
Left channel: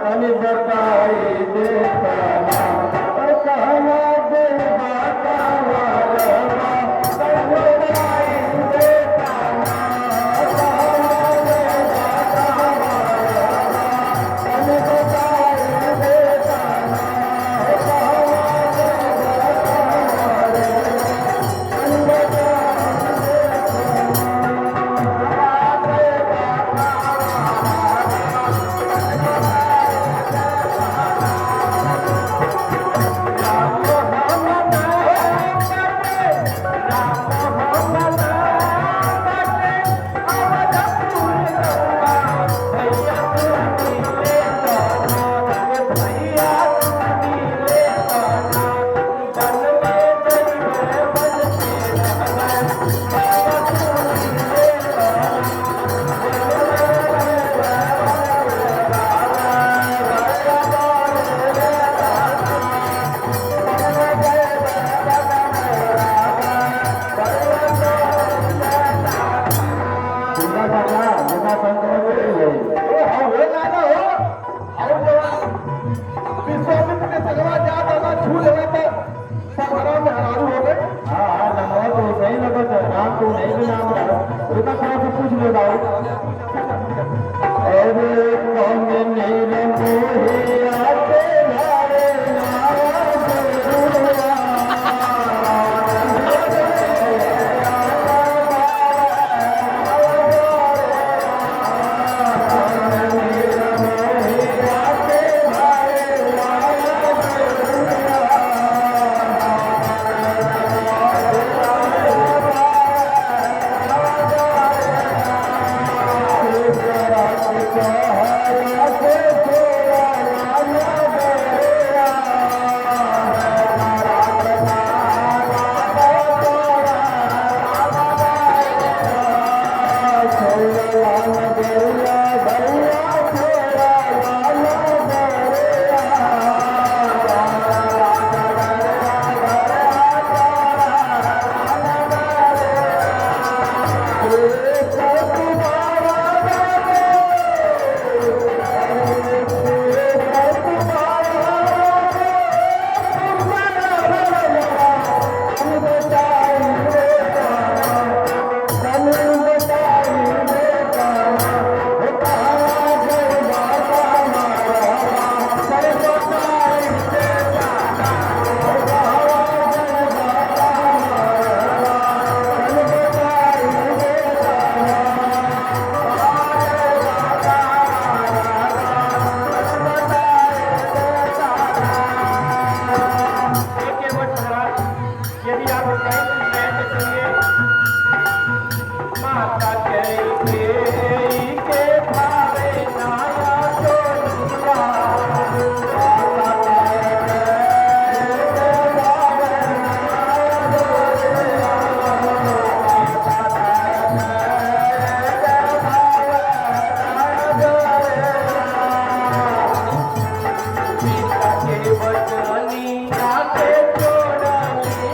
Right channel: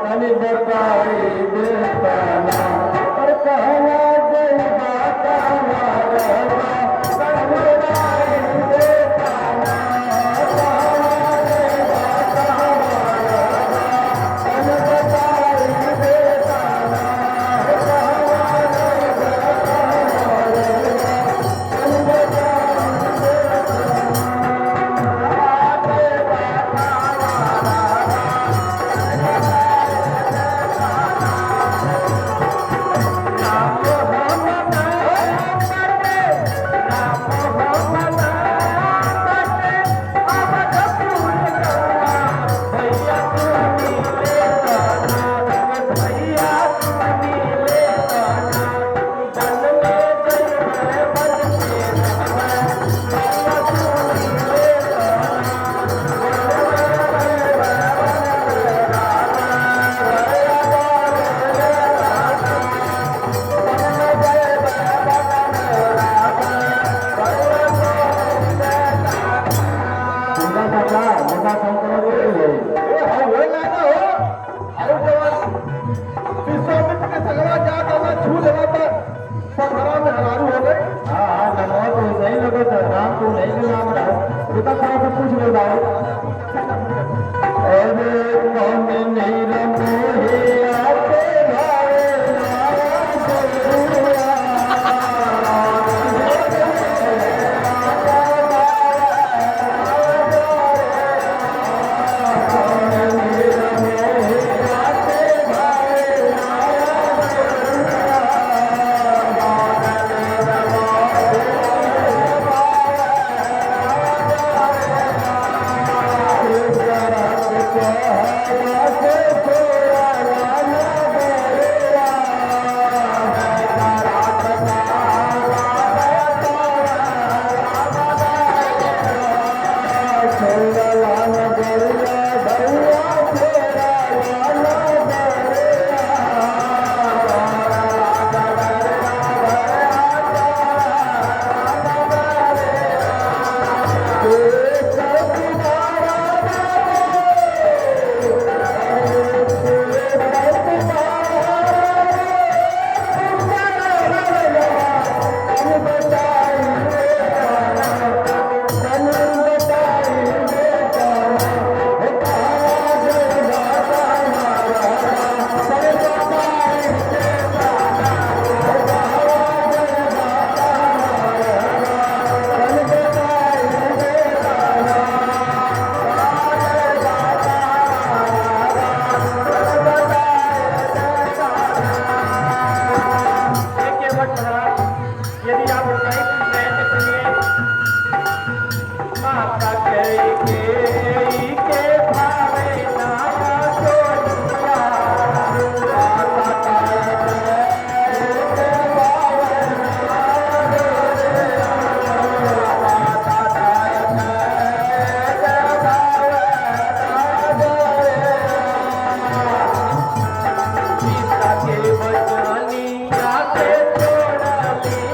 तनी बताए देता। और कहना दे बाता रवा तनी बताए देता। के वचनी आके छोड़ली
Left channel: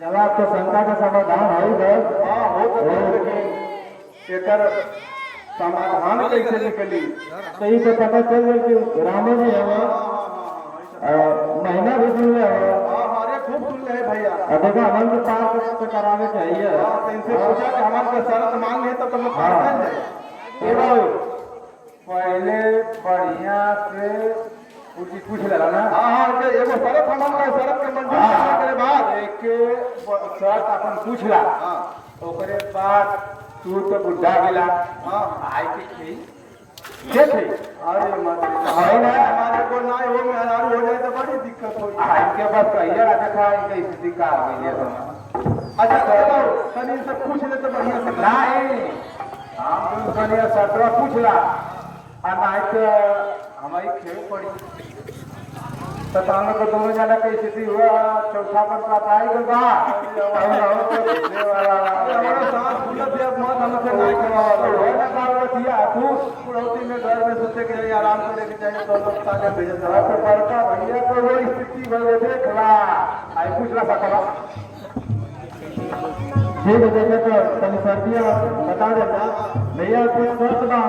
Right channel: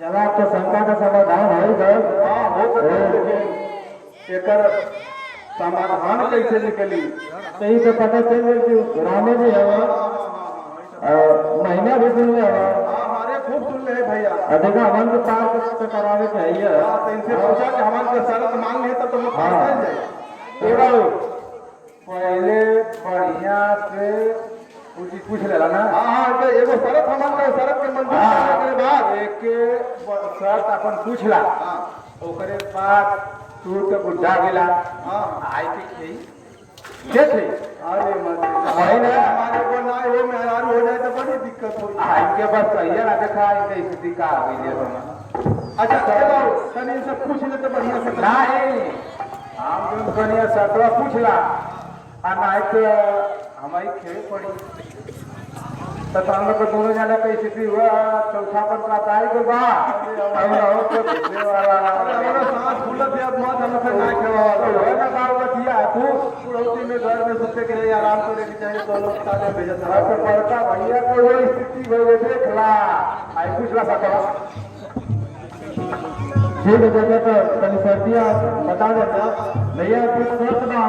चला तो शंका का समाधान है इधर। हाँ हो सके एकर समाधान कैसे निकली। तो ये तो पता चल गई कि रामो भी है महीना भी सुन ले। हाँ अरे खूब सुन ले भैया। देखा हमन को पार तो करावे चाहिए। तो इनसे पूछा कि हमारे को शर्त मांग है तो तुम पहले बढ़िया से पूछ लेला ना। हाँ एगो शरत हमन का शरत के मंजूर करने के बाद एक शर्त अपन पूछला। ओकरे बाद तू तो बुढ़ा गेला। आई के ठीक है। अरे मत हमारे को ना हो मेहरारू हो जाए तो बड़ी दिक्कत हो। इनके पास कहिए देखा इनका स्थिति का आ गई है। अच्छा चलो तनी सब पूछ ले तो बढ़िया से। नहीं हम जो कनिया सतवा पूछला नहीं तो हमारी खेल पड़ी तो सामने को दोनों जाने की स्थिति हुआ। चौथा पर प्राप्त आई तो पुरौती में घर में सोचे के लिए आराम करने की चाहिए। दोनों ताजा भेजा तो बड़का भैया को वो स्थिति भले देखला आई पूछला सकला। ठीक है जैसे तो तनी सर्दियाँ बता देता भैया कुछ शर्त ना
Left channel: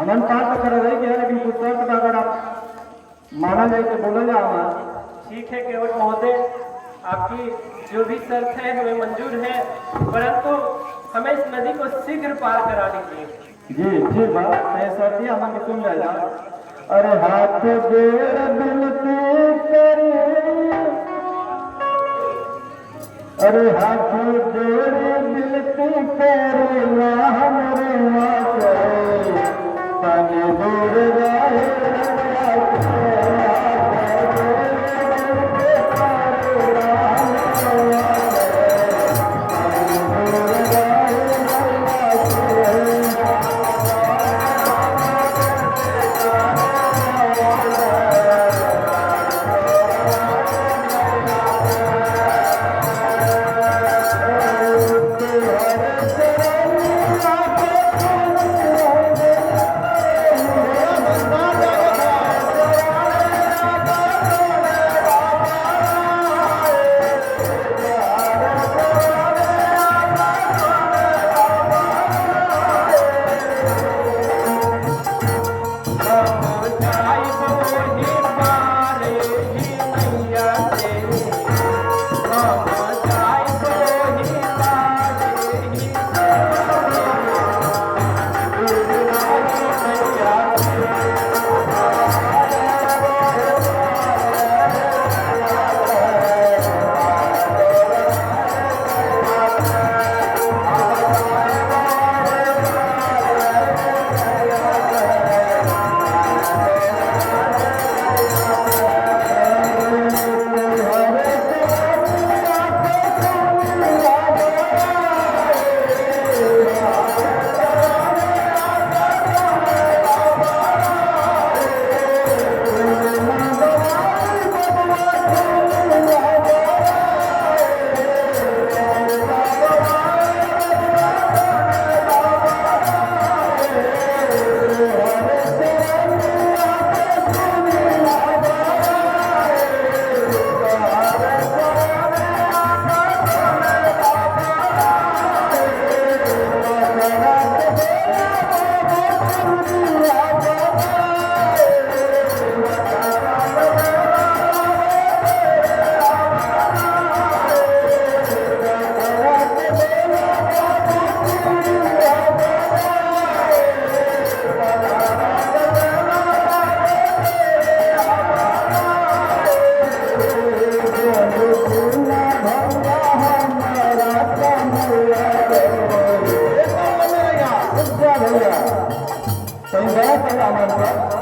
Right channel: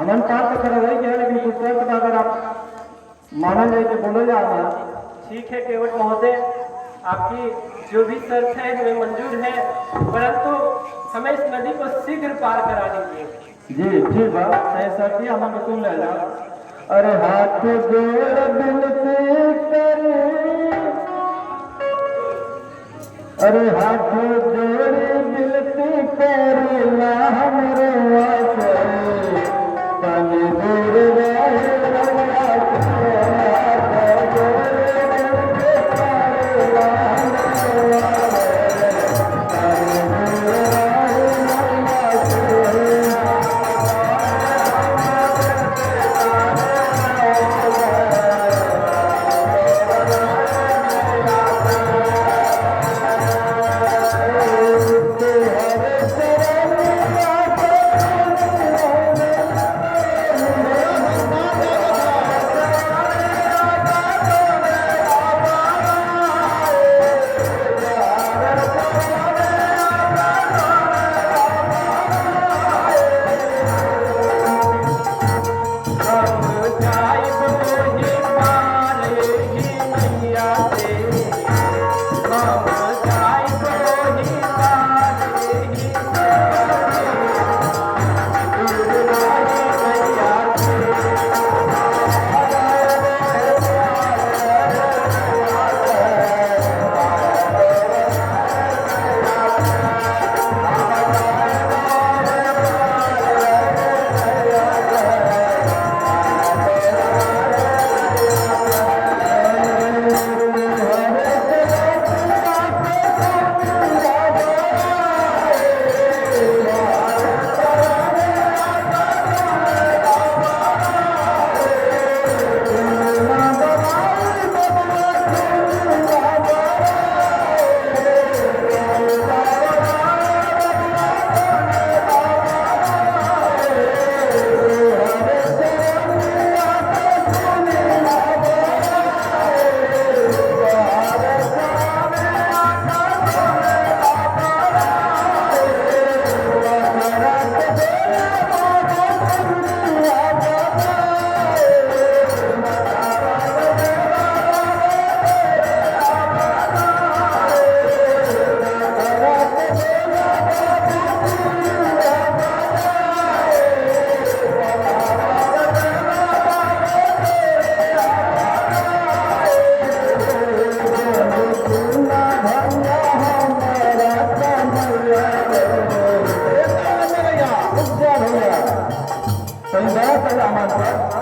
अमन पार तो कर रही है लेकिन कुछ शर्त अगर आप माना जाए तो बोलो या हमारा। ठीक है केवट महोदय, आपकी जो भी शर्त है हमें मंजूर है, परंतु हमें इस नदी को शीघ्र पार करा दीजिए। जी ठीक बात सही सर्दी हमन को सुन ले जा। अरे हाथ जोड़ बिनती करे। अरे हाथ जोड़ बिनती करे ला हमरे वासे तनी दूर रहे।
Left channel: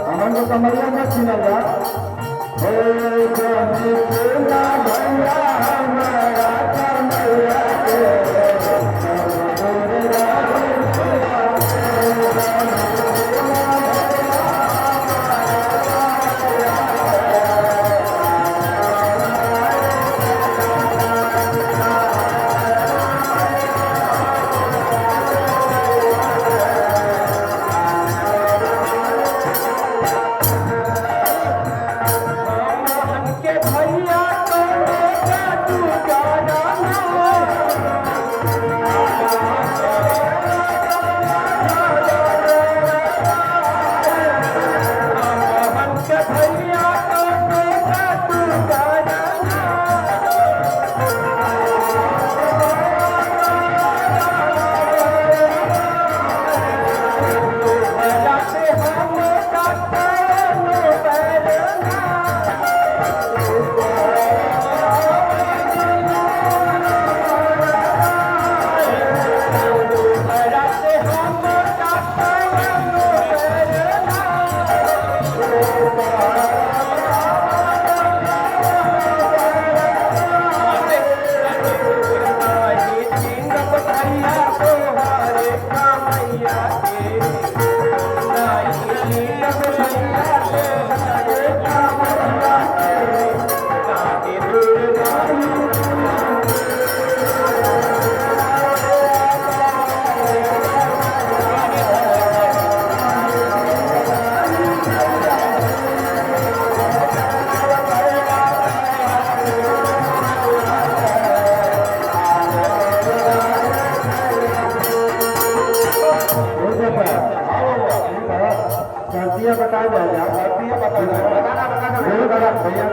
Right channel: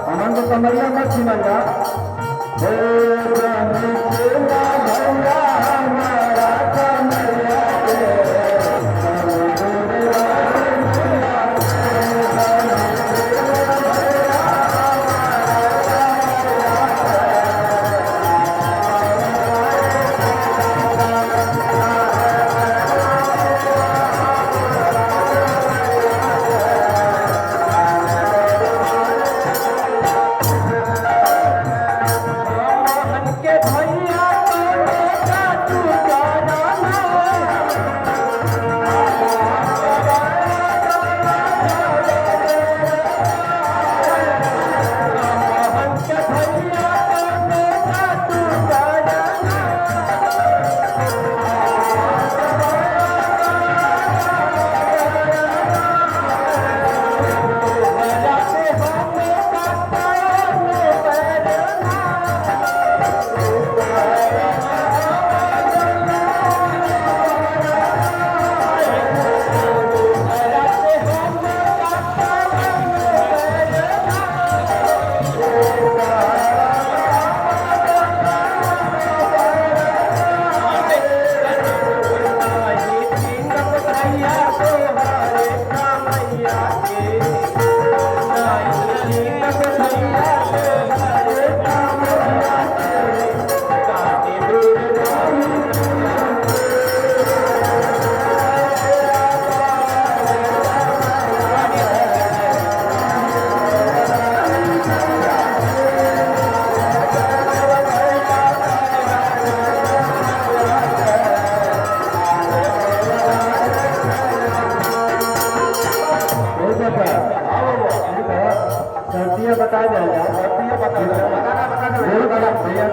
अमन को कमरिया मत सुनगा। हमारा कमरिया भैया बता दो यार भैया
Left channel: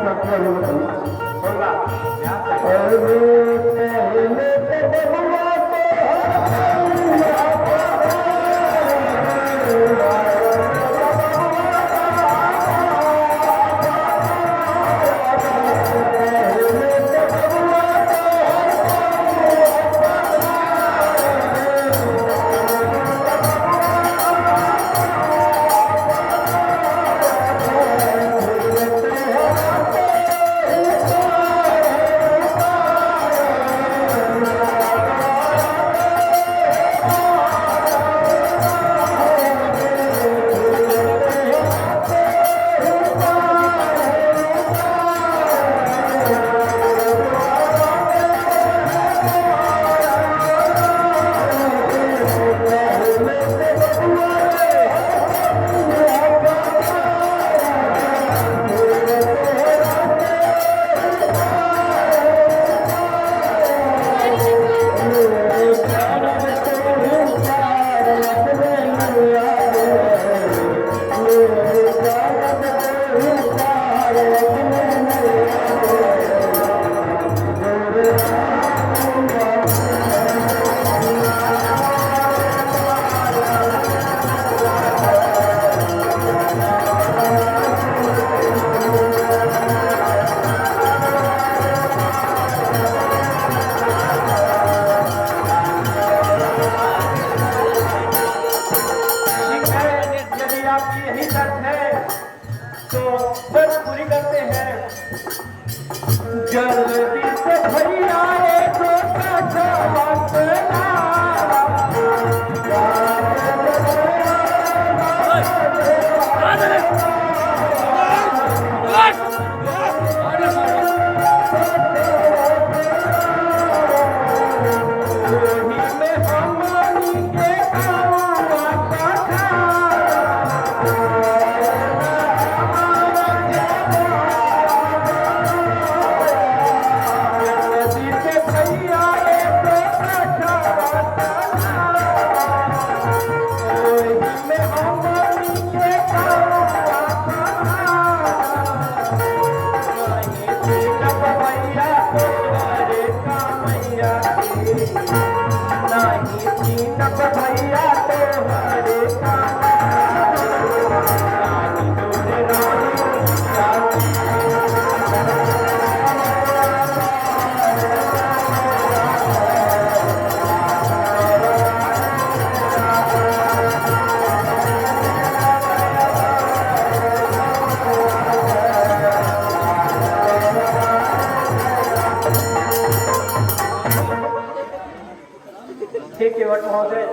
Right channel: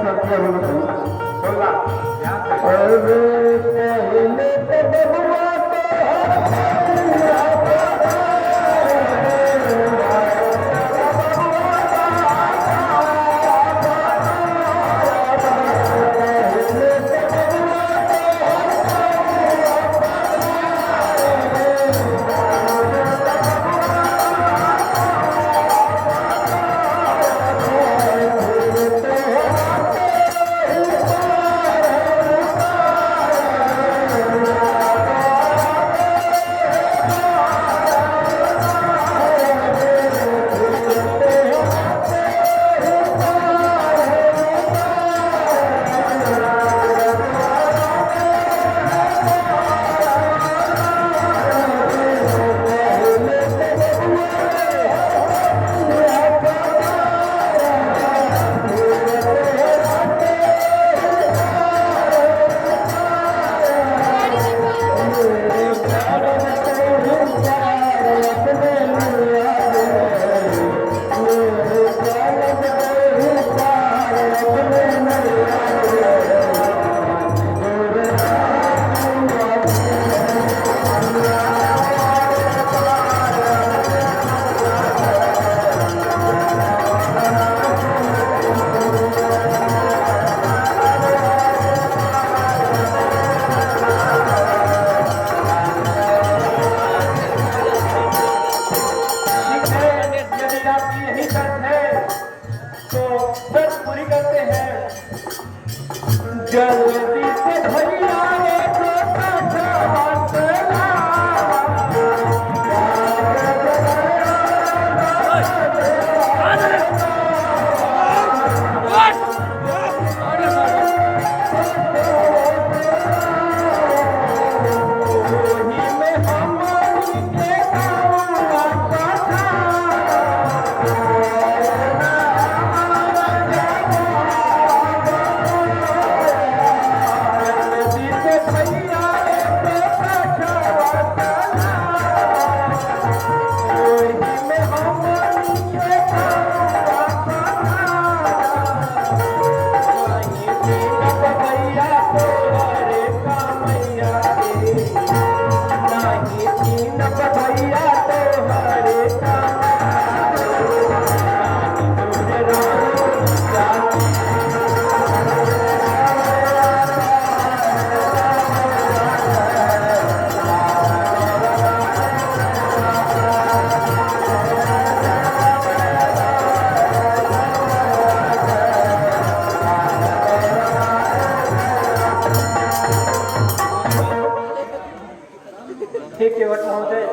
केवट महोदय,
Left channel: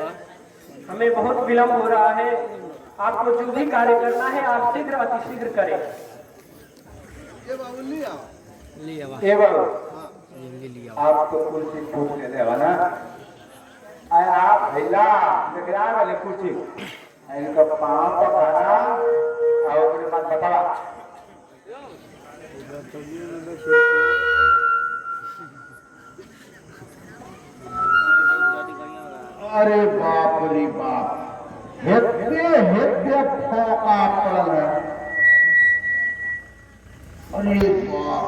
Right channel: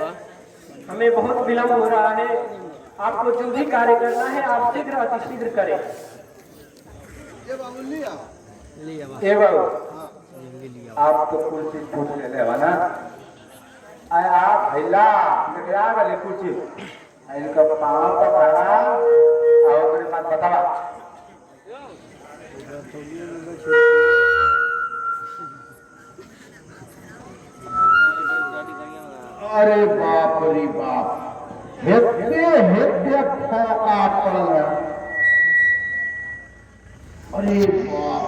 हमें बहुत विलंब हो रहा है। आपको जो भी कार्य करना है आप शीघ्र अतिशीघ्र करें। ये बाबू लिया ए बाबू आप तो कुर्सी पूछ ले ले ना आय आप भैला निकला गले कुर्सी इनका पांव का खड़ा और मेरे पास बतावा अरे बाप रे बाप हेत्ते हेत्ते फोका पड़ल है अरे बाप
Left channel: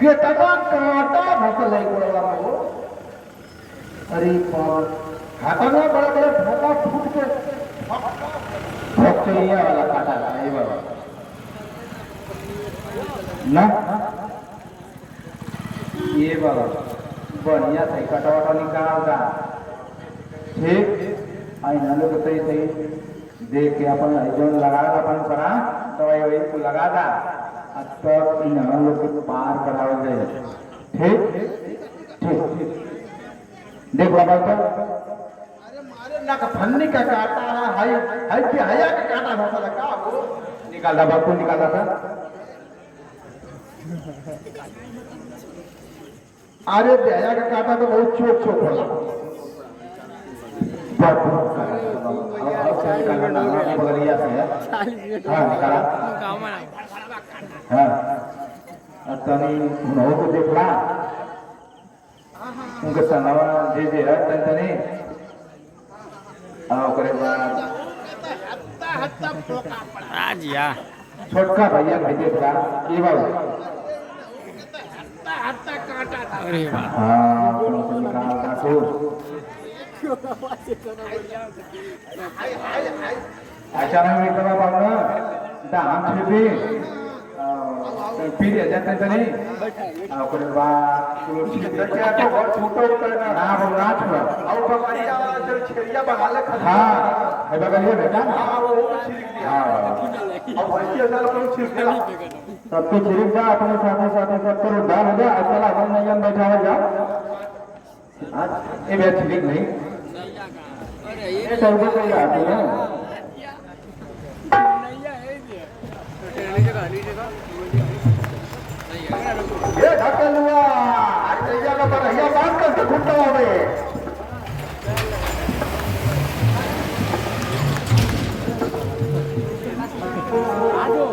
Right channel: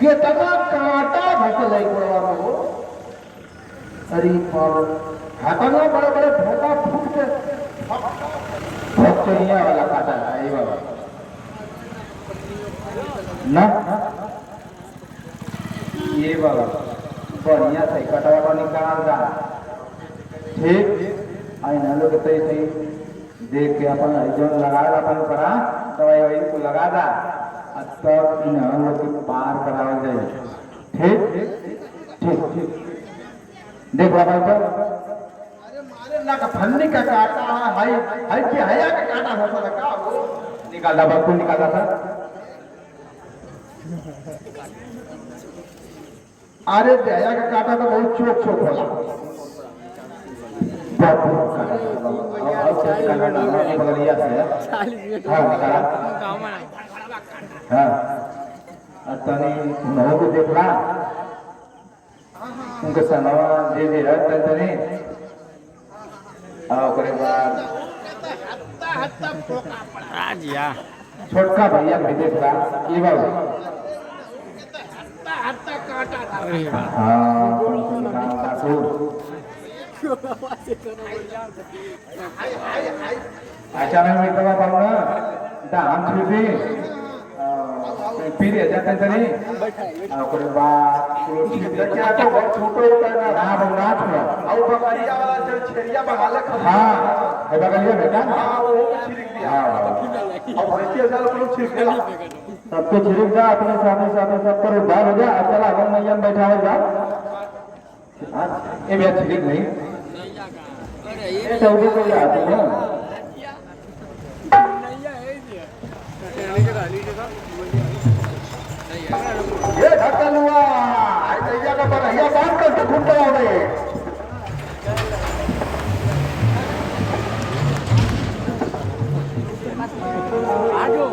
कितना कांटा धसल है पड़वा में हो अरे बाप हटना बड़ा बड़ा फोका फूट के फटकरिया वाला कांटा है ये बाबा ना ये बाबा बढ़िया से कटवा निकाल दा ठीक आई नालो के तई सही देख के अपन जोन लगा अपन करा दवाई वही को लगा दा तब इन लोग को पार करावल जाए ठीक ठीक ठीक देख ला भाई अरे मारे ना का फन्नी का काटा है हाई हाई के हया का काटा भसा लगा वो निकाल दा बाप को निकाल दा अरे हया का काटा तो बहुत छोट छोट होला को देखला उनको सनवा दे दे तनी ओकरे बाद छोटका भैया भेजे था ये भाई अचानक मित्रवा पाहुणं दाम छुपी फिर जाते तरी आपण बा त्याच्या तो बहुत छोटो होता ना ना छोड़ा और बगालिया वाला जो छेरिया बगाले हां हे बगालिया बेटा हां वो हां और बच्चे वाला को छिपला सबको छिप जा अपने साथे साथे सब पर उद्धार हो जा चला अपन नयन बैठा हो जा ये भी छिप नहीं अरे ये सब को याद है ये ढकल हुआ ऐसे जगह पर ये बात कर खुंटा होवे आजो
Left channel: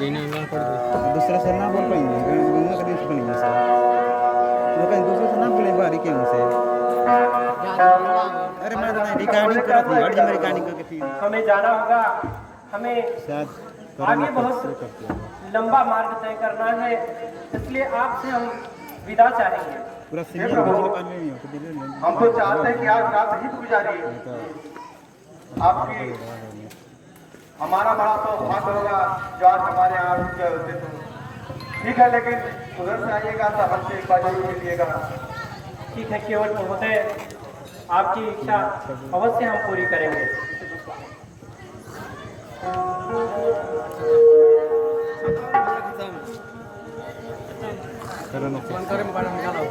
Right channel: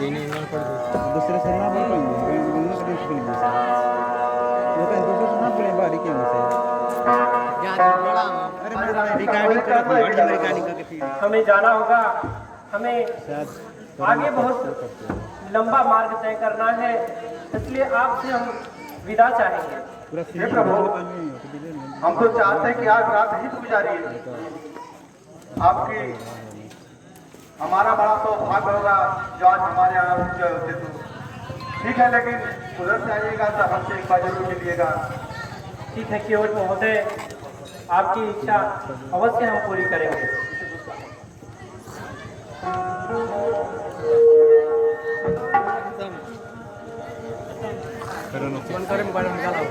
दूसरा सर ना बोल पाएंगे गंगा के दिन बोलेंगे सर वो कहीं दूसरा सर ना बोले बारी के से अरे मैं रिकॉर्डिंग कर रही हूं रिकॉर्डिंग करके फिर हमें जाना होगा, हमें शायद आगे बहुत लंबा मार्ग तय करना है, इसलिए आपसे हम विदा चाहेंगे। हे प्रभु, हम तो चाहते हैं कि आज रात ही गुजारिए। आपकी हमारा बड़ा तो भाग्य होगा जो आज हमारे यहाँ रुक। ठीक है, लेकिन उधर से आइएगा तो हमसे एक बार जरूर मिलिएगा। ठीक है केवट महोदय, आपकी इच्छा अवश्य हम पूरी करेंगे। मन करे मोबाइल निकालो।